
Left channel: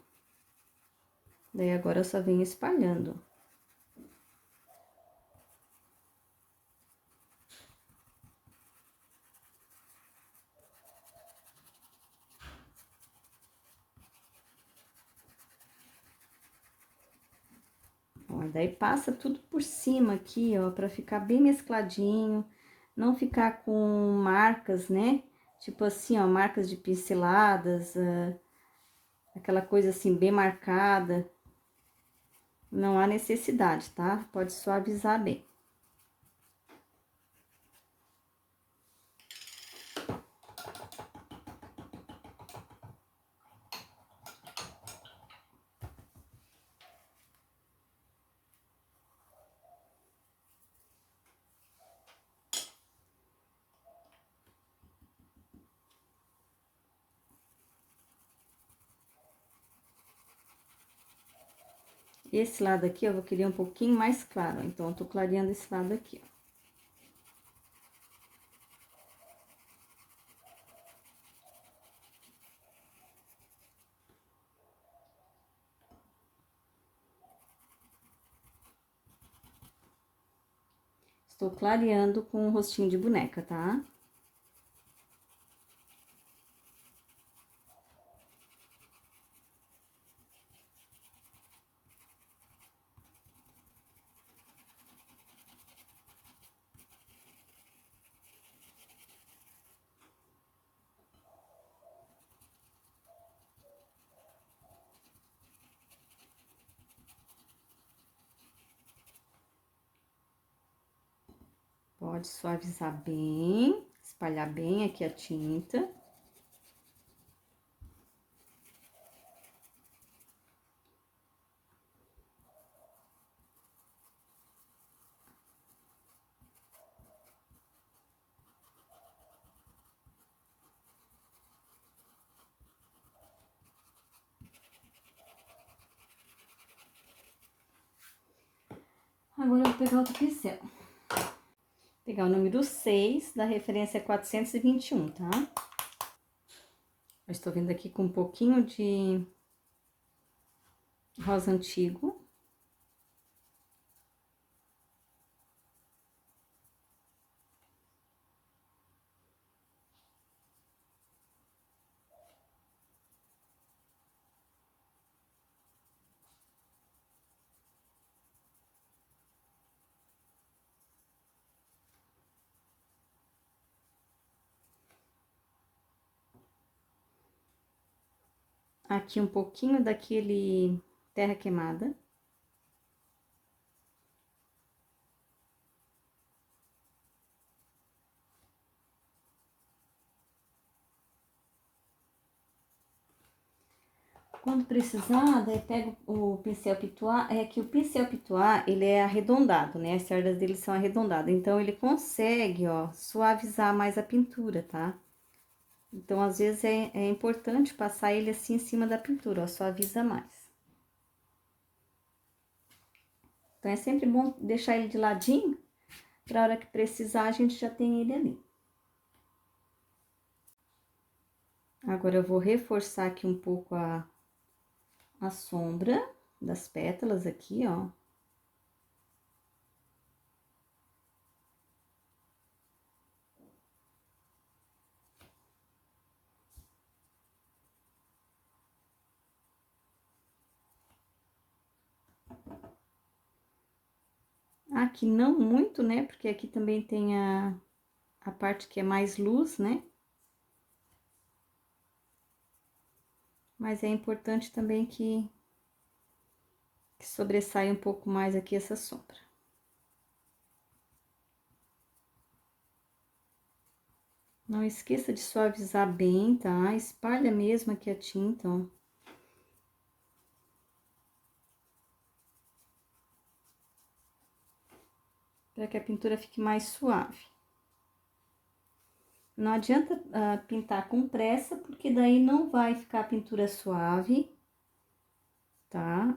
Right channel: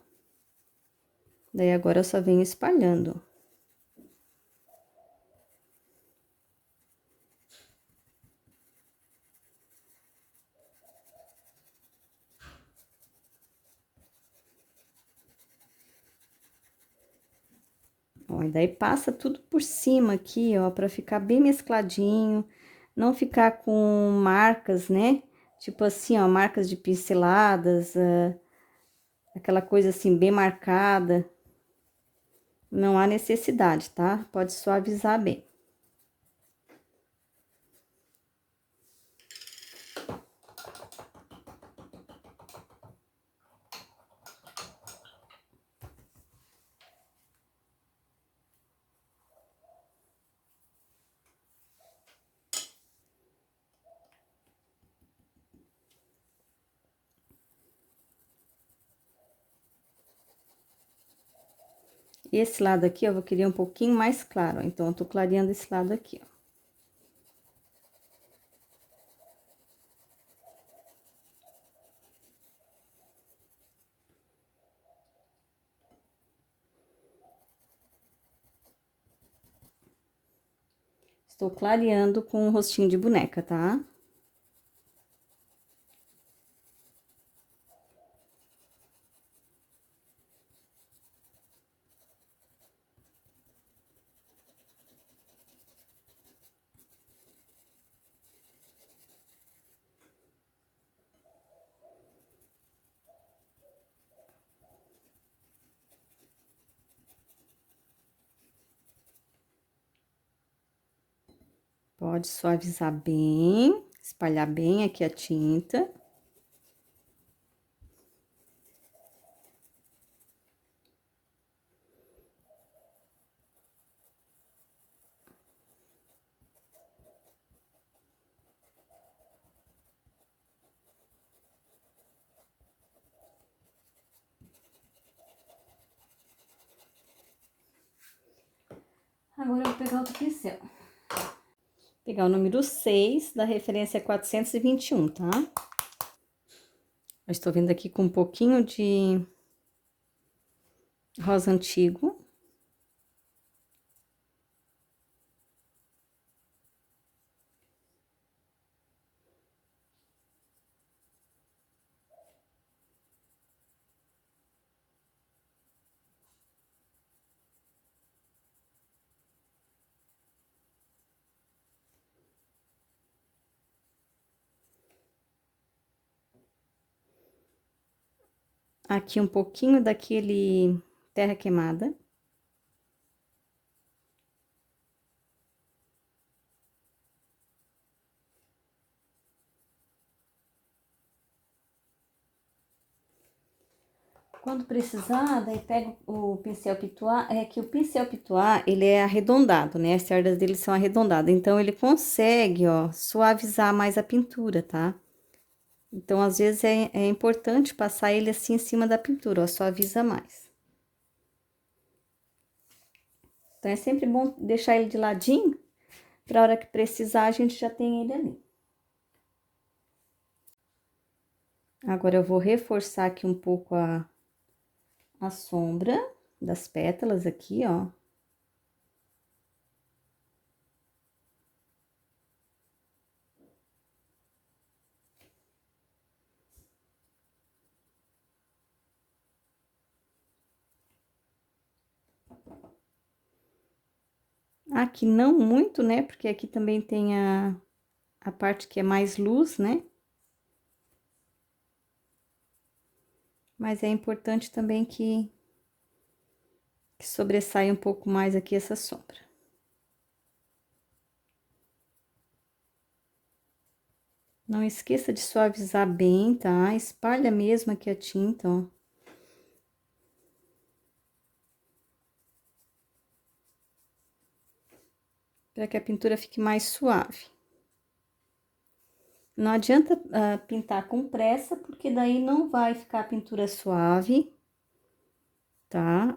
Daí agora eu só venho espalhando. E daí passa tudo por cima aqui, ó, pra ficar bem mescladinho, não ficar com marcas, né? Tipo assim, ó, marcas de pinceladas, aquela coisa assim, bem marcada. Não há necessidade, tá? Pode suavizar bem. Esse lado aqui eu vou querer um pouquinho mais claro, ó, então eu tô clareando esse lado aqui, ó. Estou clareando com o rostinho de boneca, tá? Pode suavizar bem, espalhar bem aqui a tinta. Agora eu vou pegar outro pincel. Pegar o número 6, da referência 421, tá? Eu estou vindo aqui com um pouquinho de rosa antigo. Aqui um pouquinho daquele terra queimada. Quando precisar, daí pega o pincel pituá, é que o pincel pituá, ele é arredondado, né? As cerdas dele são arredondadas, então ele consegue, ó, suavizar mais a pintura, tá? Então, às vezes, é importante passar ele assim em cima da pintura, ó, suaviza mais. Então, é sempre bom deixar ele de ladinho, pra hora que precisar, a gente já tem ele ali. Agora, eu vou reforçar aqui um pouco a sombra das pétalas aqui, ó. Aqui não muito, né? Porque aqui também tem a parte que é mais luz, né? Mas é importante também que sobressaia um pouco mais aqui essa sombra. Não esqueça de suavizar bem, tá? Espalha mesmo aqui a tinta, ó. Para que a pintura fique mais suave. Não adianta pintar com pressa, porque daí não vai ficar a pintura suave, tá?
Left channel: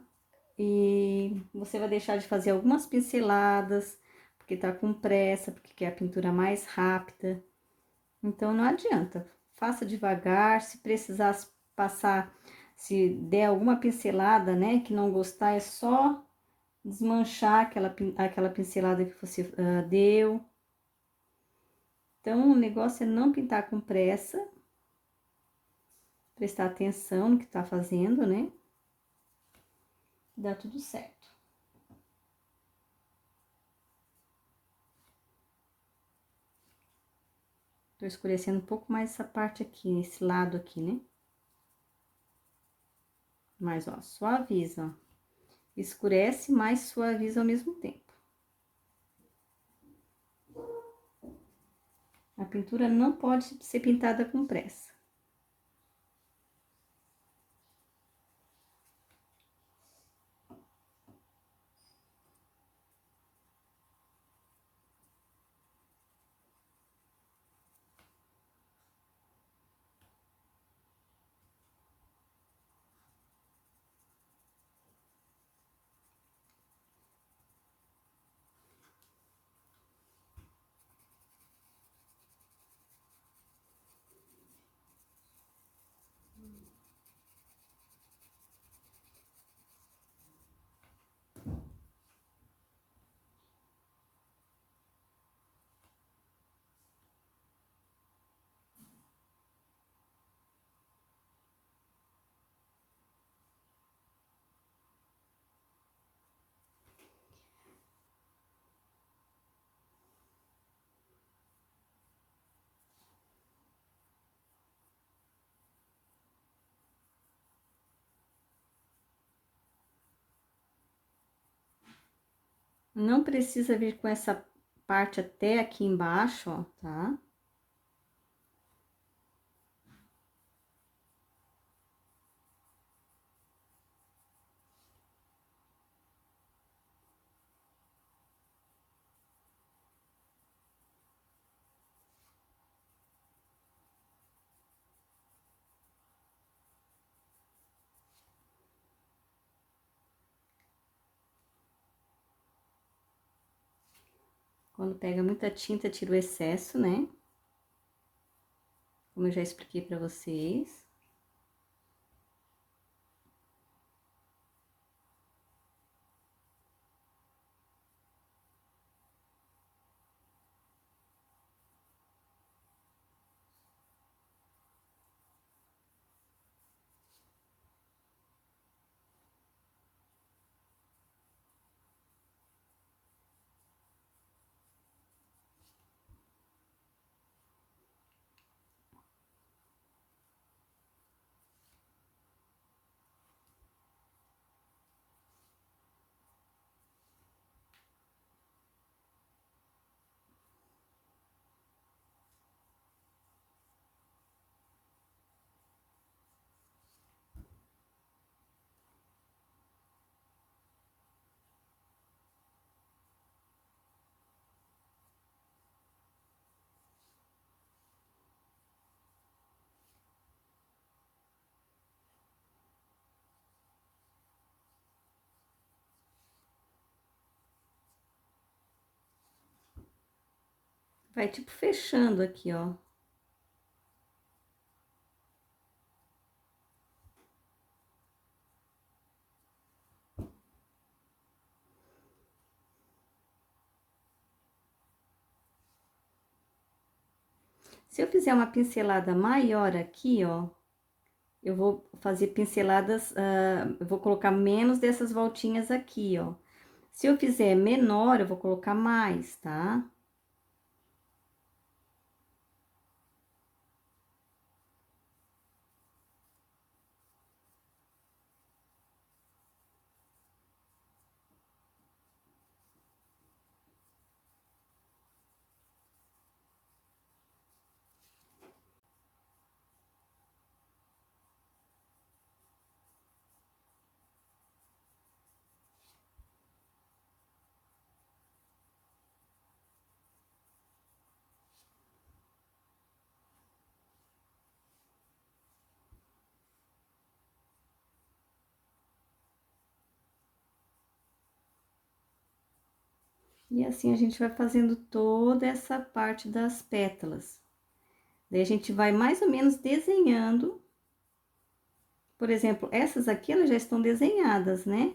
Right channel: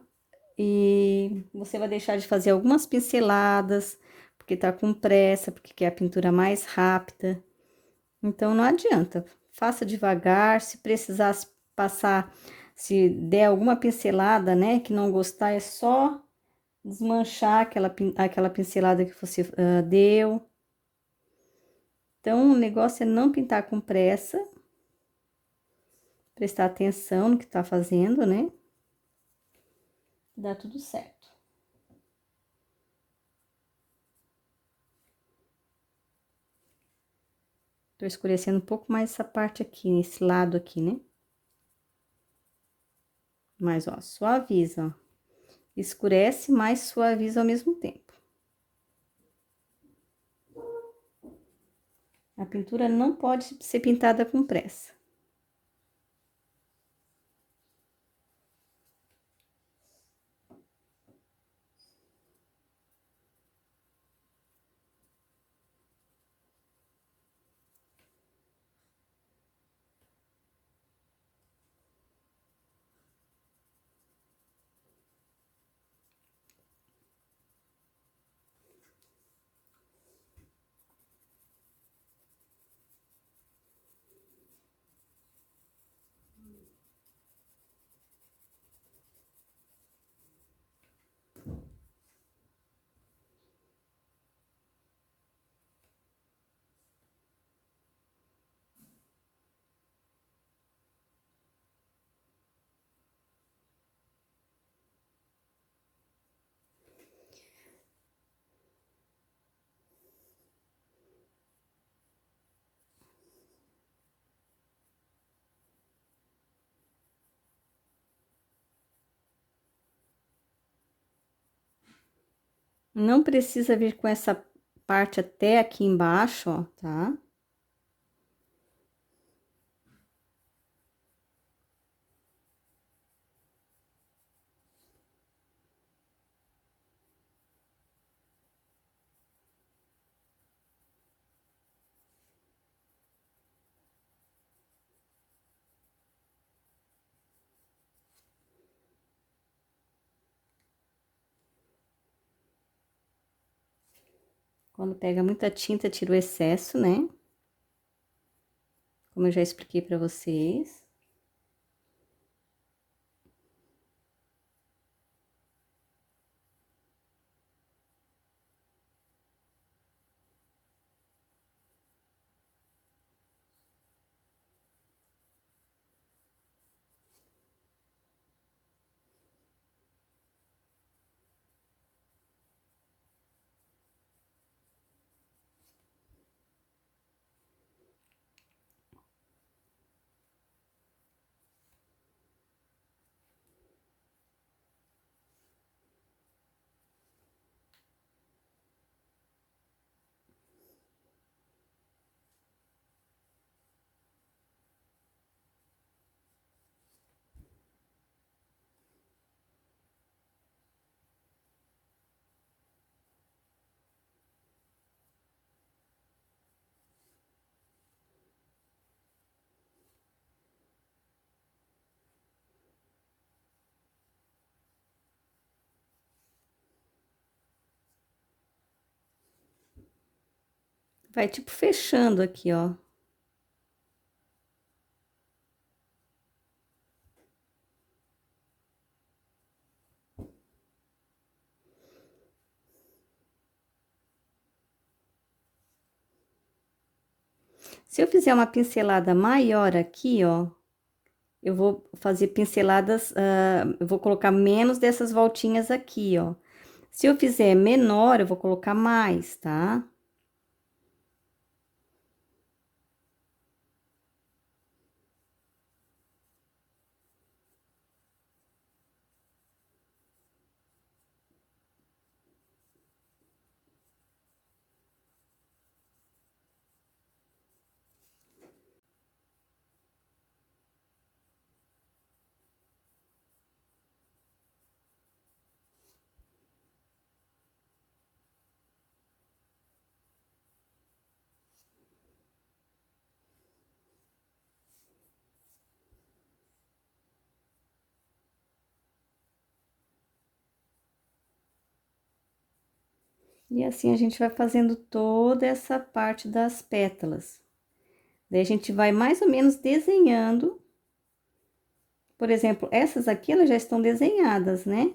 E você vai deixar de fazer algumas pinceladas, porque tá com pressa, porque quer a pintura mais rápida. Então, não adianta. Faça devagar, se precisar passar, se der alguma pincelada, né, que não gostar, é só desmanchar aquela pincelada que você deu. Então, o negócio é não pintar com pressa, prestar atenção no que tá fazendo, né? Dá tudo certo. Tô escurecendo um pouco mais essa parte aqui, esse lado aqui, né? Mas, ó, suaviza, ó. Escurece, mas suaviza ao mesmo tempo. A pintura não pode ser pintada com pressa. Não precisa vir com essa parte até aqui embaixo, ó, tá? Quando pega muita tinta, tira o excesso, né? Como eu já expliquei pra vocês. Vai, tipo, fechando aqui, ó. Se eu fizer uma pincelada maior aqui, ó, eu vou fazer pinceladas, eu vou colocar menos dessas voltinhas aqui, ó. Se eu fizer menor, eu vou colocar mais, tá? E assim a gente vai fazendo toda essa parte das pétalas. Daí a gente vai mais ou menos desenhando. Por exemplo, essas aqui, elas já estão desenhadas, né?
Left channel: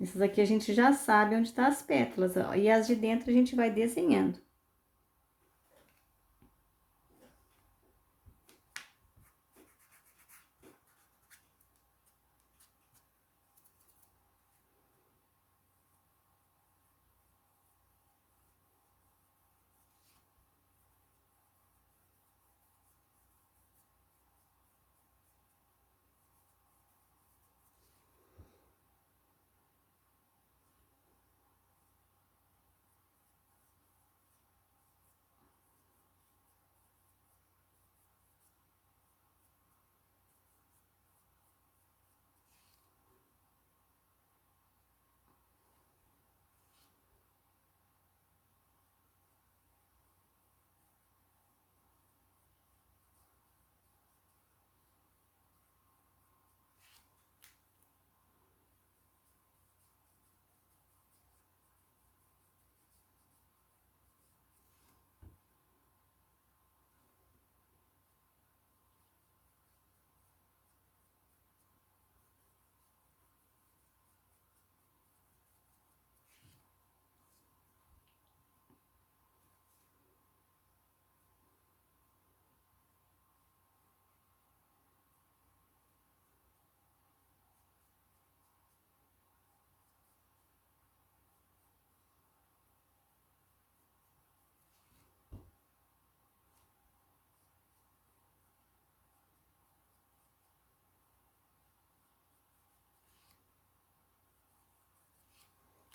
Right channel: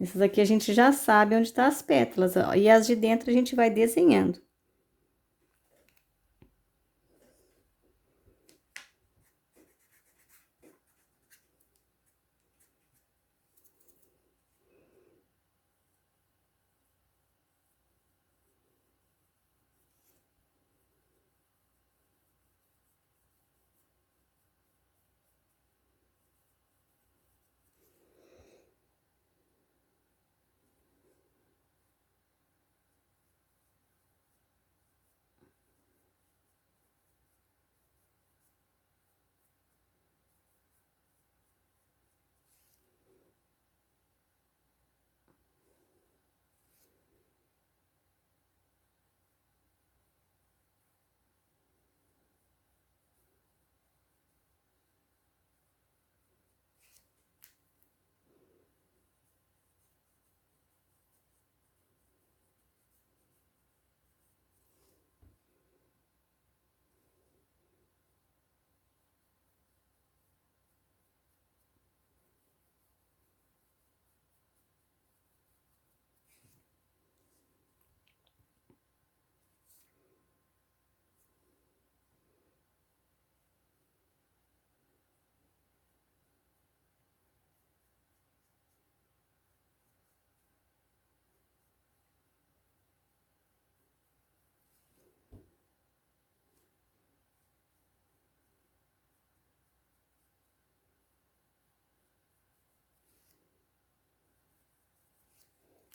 Essas aqui a gente já sabe onde tá as pétalas, ó, e as de dentro a gente vai desenhando.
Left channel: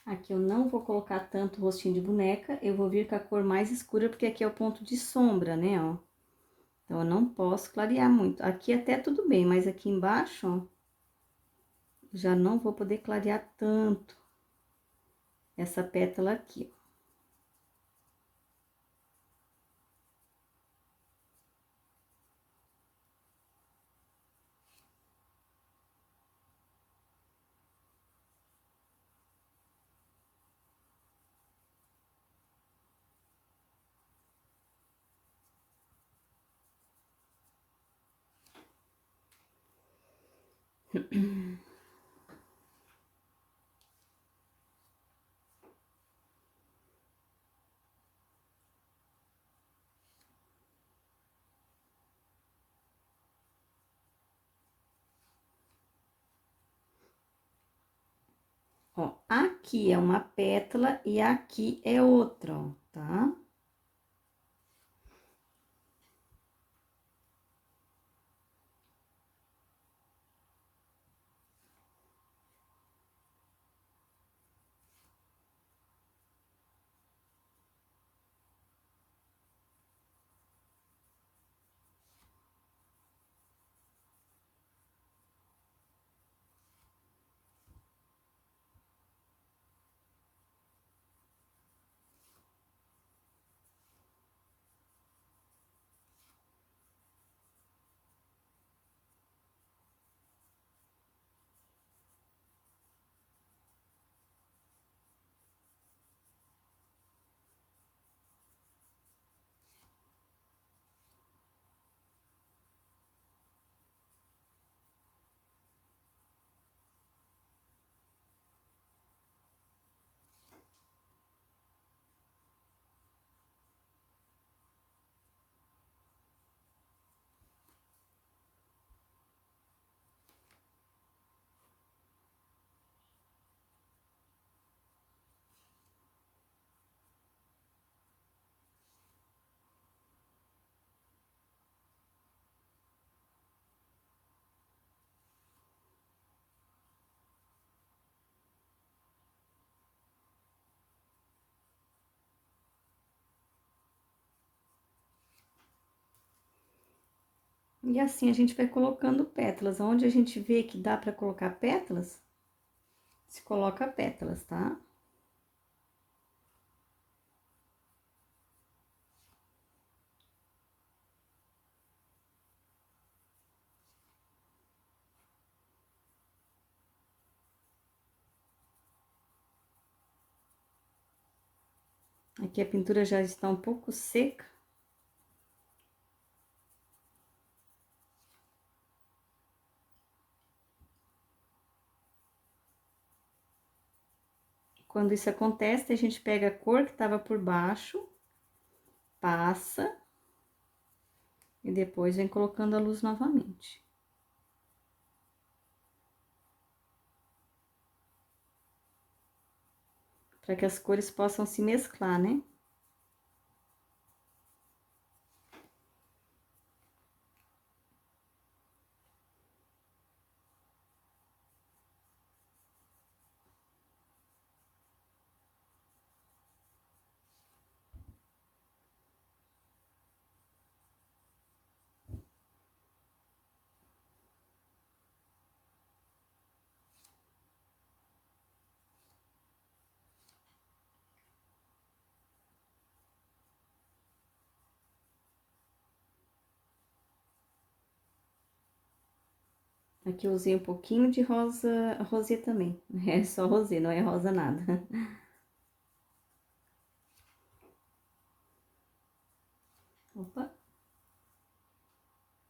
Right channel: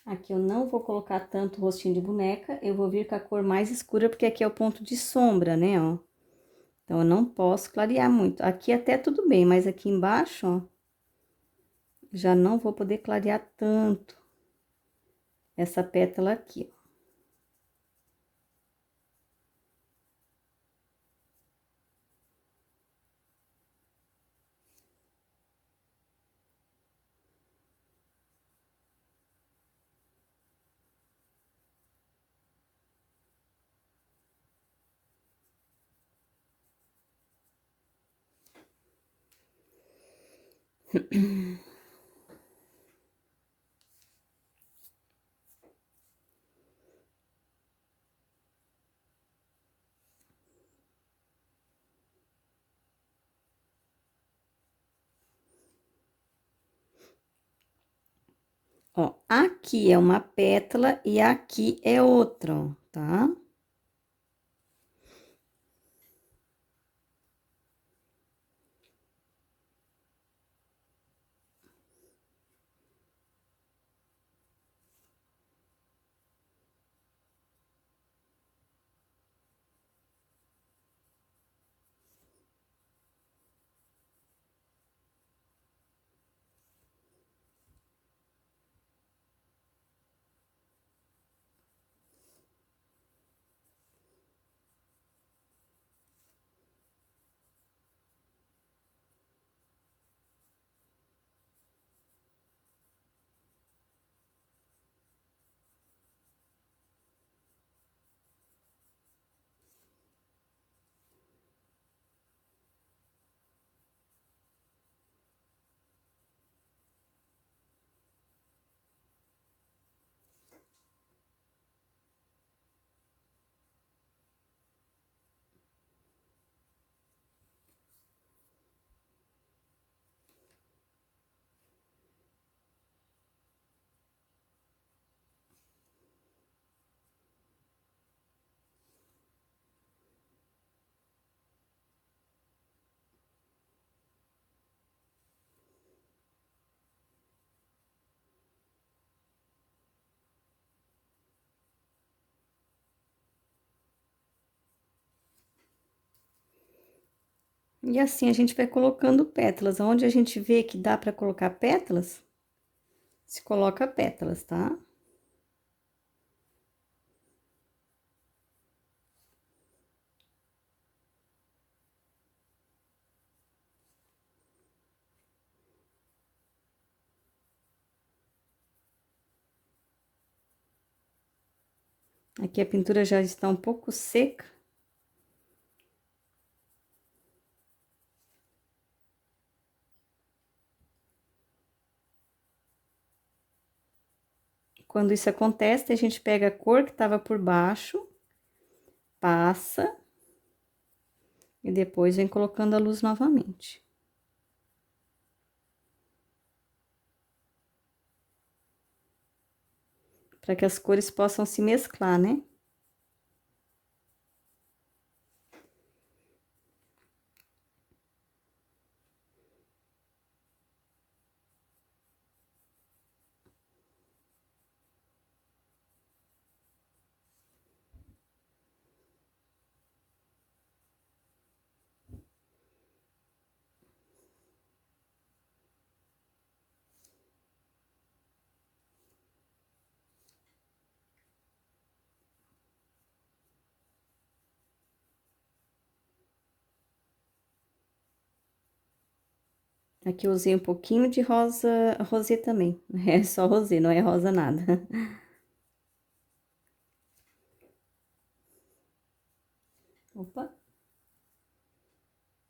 Aqui eu não vou colocar tanto rostinho de boneca, eu vou vir com a cor mais escura, porque aqui é o ponto de sombra, né, ó. Então, eu não posso clarear muito. Aqui até tudo bem, mas aqui embaixo, ó, já não vou poder clarear tanto essa pétala aqui, ó. Ó, aqui é uma pétala e aqui é outra, ó, tá? E assim a gente vai colocando pétalas. Onde a gente vê que dá pra colocar pétalas, se coloca pétalas, tá? Aqui a pintura já está um pouco seca. Quando isso acontece, a gente pega a cor que estava por baixo, passa e depois vem colocando a luz novamente. Para que as cores possam se mesclar, né? Aqui eu usei um pouquinho de rosa, rosê também. É só rosê, não é rosa nada. Opa.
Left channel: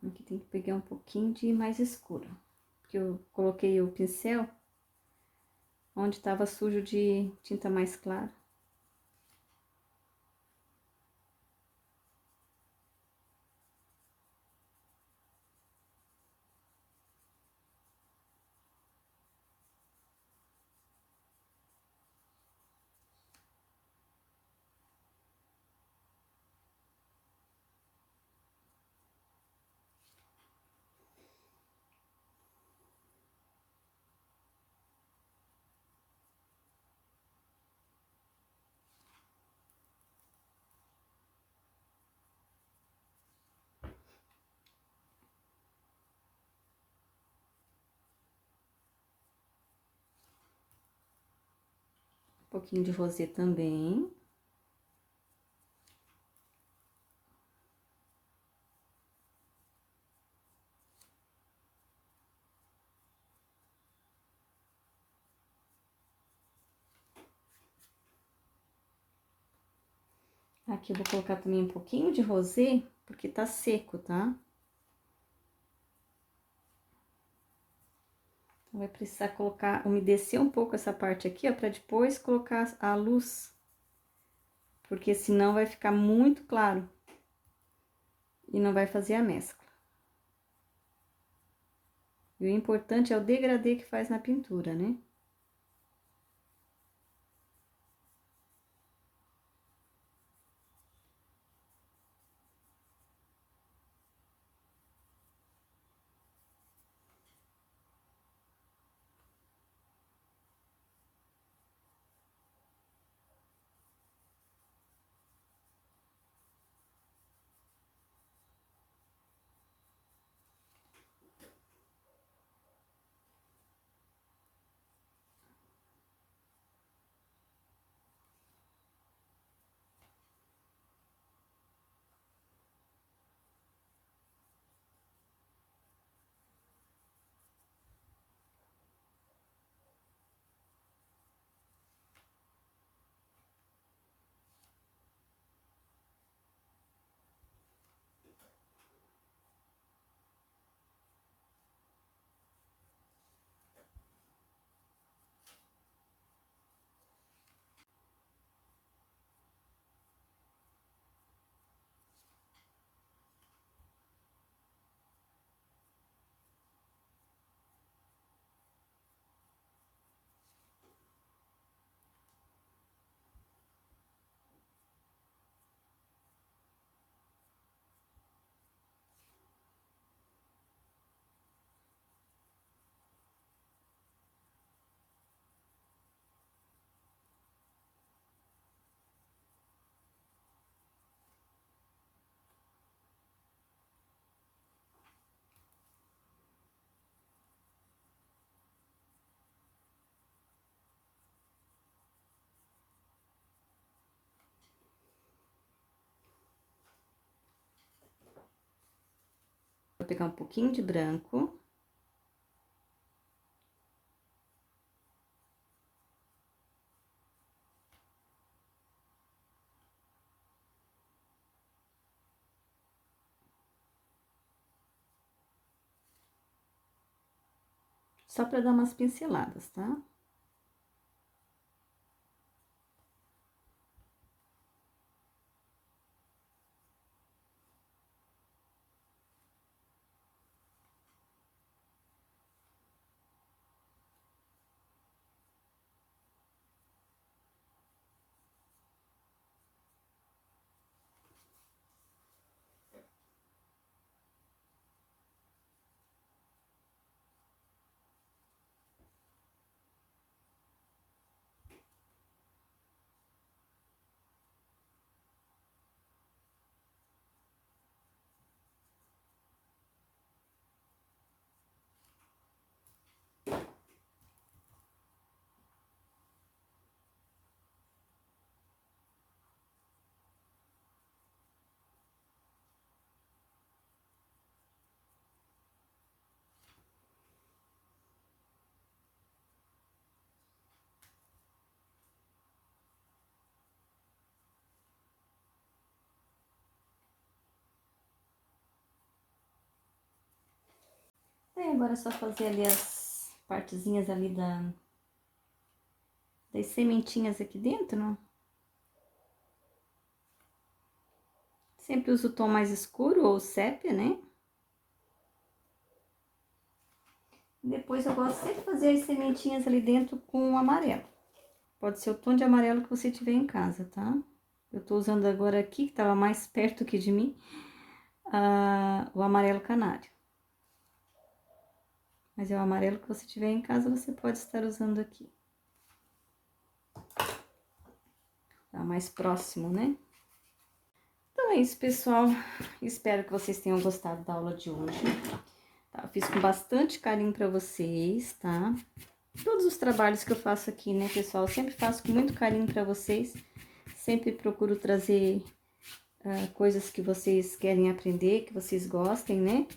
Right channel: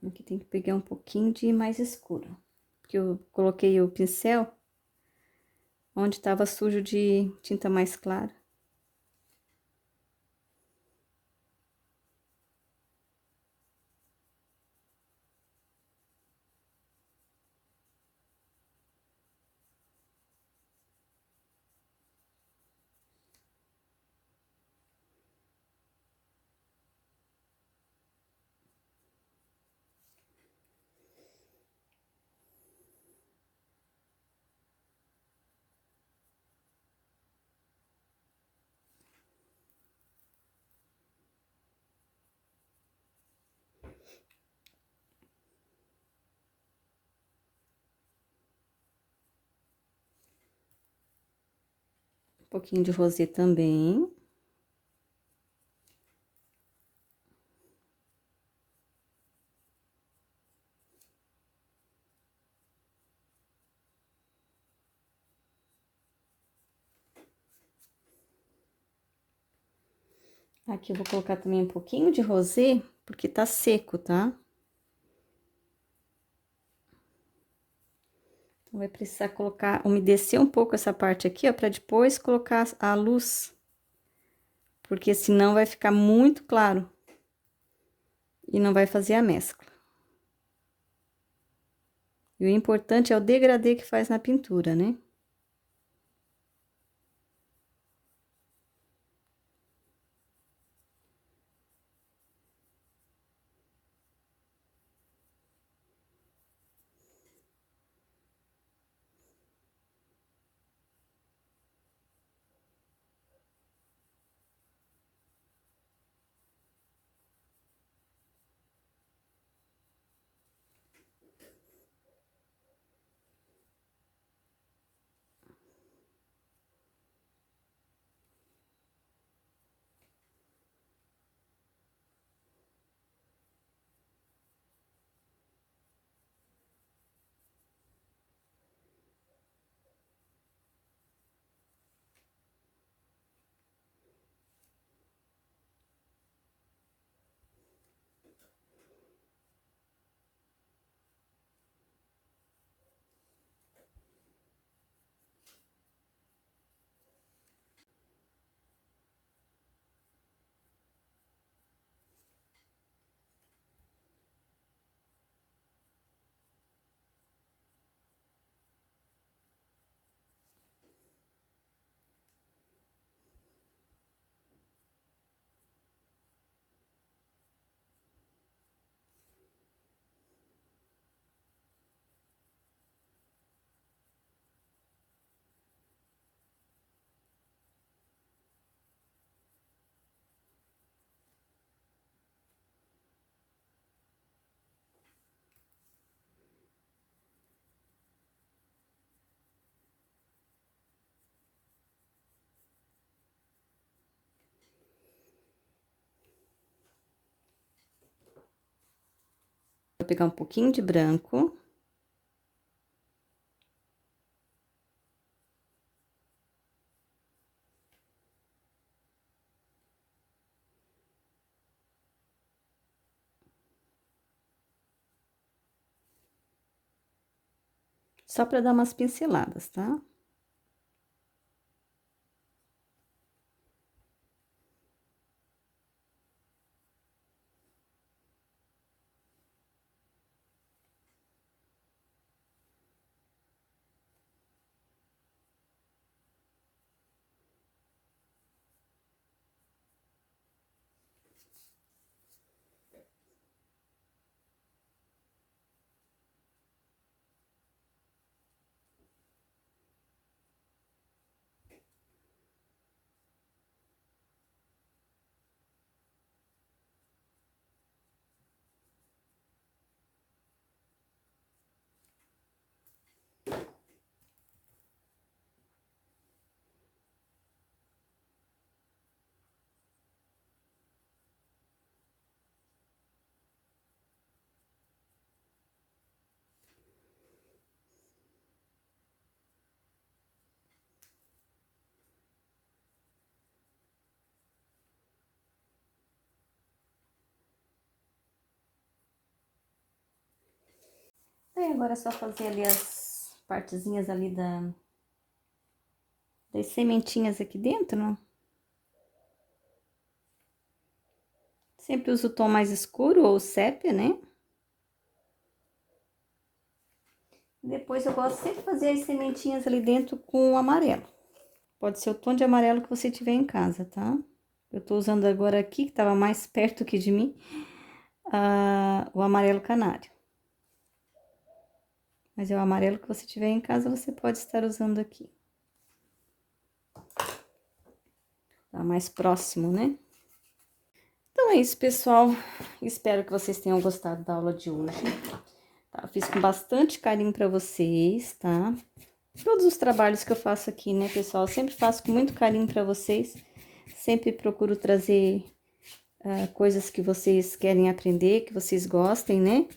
Aqui tem que pegar um pouquinho de mais escuro. Porque eu coloquei o pincel onde estava sujo de tinta mais clara. pouquinho de rosê também. Aqui eu vou colocar também um pouquinho de rosê, porque tá seco, tá? Então, vai precisar colocar, umedecer um pouco essa parte aqui, ó, pra depois colocar a luz. Porque senão vai ficar muito claro. E não vai fazer a mescla. E o importante é o degradê que faz na pintura, né? Vou pegar um pouquinho de branco. Só pra dar umas pinceladas, tá? Aí, agora é só fazer ali as partezinhas ali das sementinhas aqui dentro, né? Sempre uso o tom mais escuro ou sépia, né? Depois eu gosto sempre de fazer as sementinhas ali dentro com o amarelo. Pode ser o tom de amarelo que você tiver em casa, tá? Eu tô usando agora aqui, que tava mais perto aqui de mim, o amarelo canário. Mas é o amarelo que você tiver em casa, você pode estar usando aqui. Tá mais próximo, né? Então é isso, pessoal. Espero que vocês tenham gostado da aula de hoje. Tá? Eu fiz com bastante carinho pra vocês, tá? todos os trabalhos que eu faço aqui, né, pessoal? Eu sempre faço com muito carinho para vocês. Sempre procuro trazer coisas que vocês querem aprender, que vocês gostem, né?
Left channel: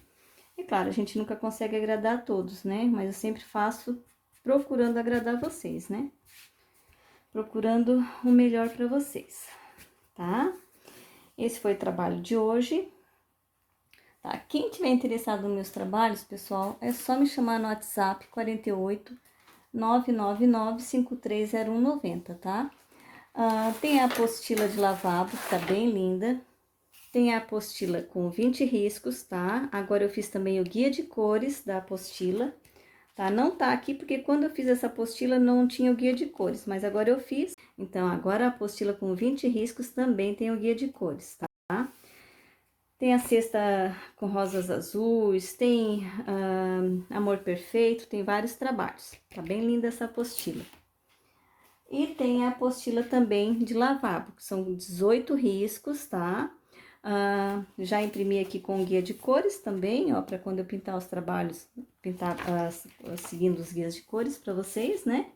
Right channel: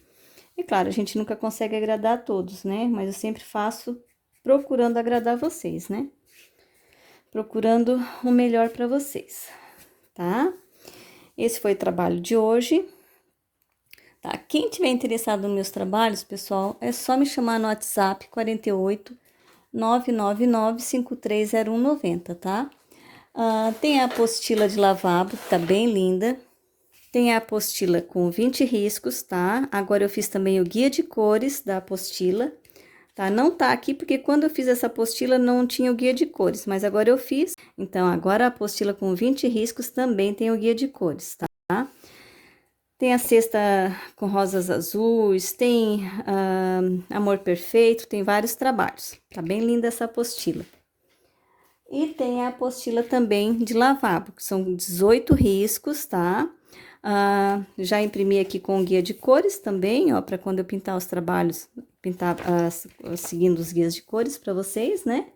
E claro, a gente nunca consegue agradar a todos, né? Mas eu sempre faço procurando agradar vocês, né? Procurando o melhor para vocês, tá? Esse foi o trabalho de hoje. Tá? Quem tiver interessado nos meus trabalhos, pessoal, é só me chamar no WhatsApp 48 999 530190, tá? Tem a apostila de lavabo, que tá bem linda. Tem a apostila com 20 riscos, tá? Agora eu fiz também o guia de cores da apostila, tá? Não tá aqui porque quando eu fiz essa apostila não tinha o guia de cores, mas agora eu fiz. Então, agora a apostila com 20 riscos também tem o guia de cores, tá? Tem a cesta com rosas azuis, tem Amor Perfeito, tem vários trabalhos. Tá bem linda essa apostila. E tem a apostila também de lavabo, que são 18 riscos, tá? Já imprimi aqui com o guia de cores também, ó, para quando eu pintar os trabalhos, pintar seguindo os guias de cores para vocês, né?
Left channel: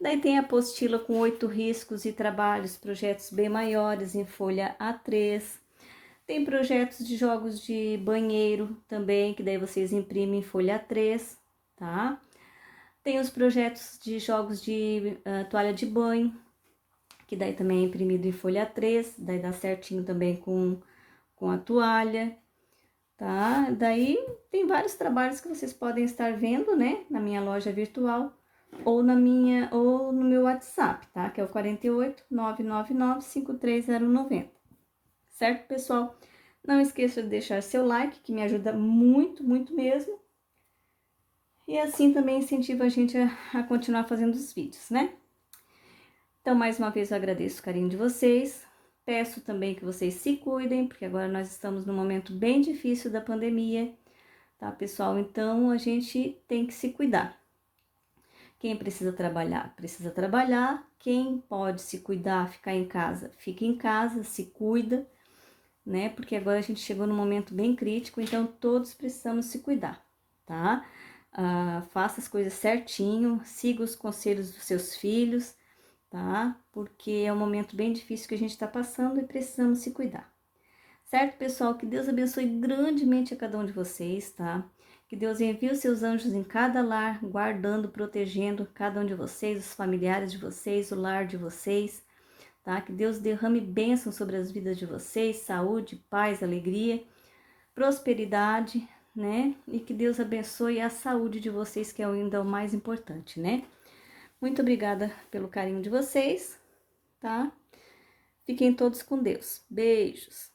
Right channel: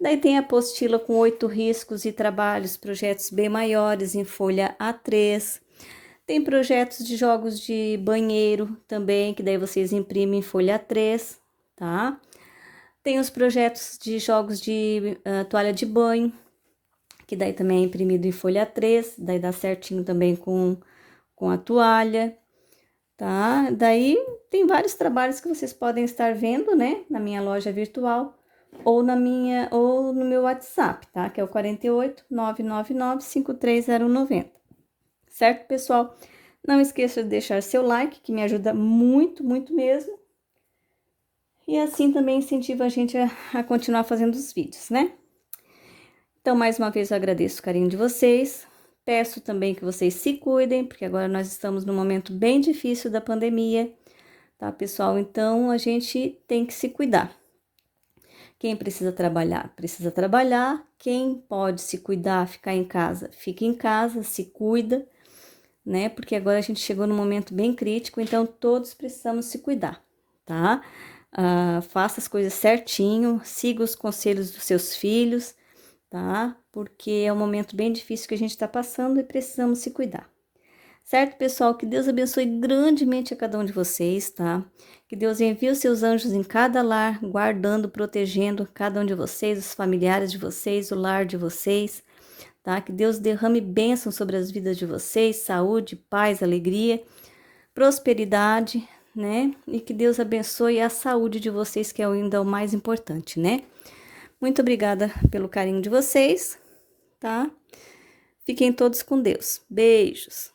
Daí tem a apostila com 8 riscos e trabalhos, projetos bem maiores em folha A3. Tem projetos de jogos de banheiro também, que daí vocês imprimem em folha A3, tá? Tem os projetos de jogos de toalha de banho, que daí também é imprimido em folha A3, daí dá certinho também com a toalha, tá? Daí tem vários trabalhos que vocês podem estar vendo, né, na minha loja virtual ou no meu WhatsApp, tá? Que é o 48 999 530190. Certo, pessoal? Não esqueça de deixar seu like, que me ajuda muito, muito mesmo. E assim também incentiva a gente a continuar fazendo os vídeos, né? Então, mais uma vez, eu agradeço o carinho de vocês. Peço também que vocês se cuidem, porque agora nós estamos num momento bem difícil da pandemia, tá, pessoal? Então, a gente tem que se cuidar. Quem precisa trabalhar, precisa trabalhar. Quem pode se cuidar, ficar em casa, fica em casa, se cuida, né? Porque agora a gente chegou num momento bem crítico, então todos precisamos se cuidar, tá? Faça as coisas certinho, siga os conselhos dos seus filhos, tá? Porque é um momento bem difícil que a gente está passando e precisamos se cuidar. Certo, pessoal? Que Deus abençoe grandemente a cada um de vocês, tá? Que Deus envie os seus anjos em cada lar, guardando, protegendo cada um de vocês, os familiares de vocês, o lar de vocês, tá? Que Deus derrame bênção sobre as vidas de vocês, saúde, paz, alegria, prosperidade, né? E que Deus abençoe a saúde de vocês, que é ainda o mais importante, né? Muito obrigada pelo carinho de vocês, tá? Fiquem todos com Deus. Beijos.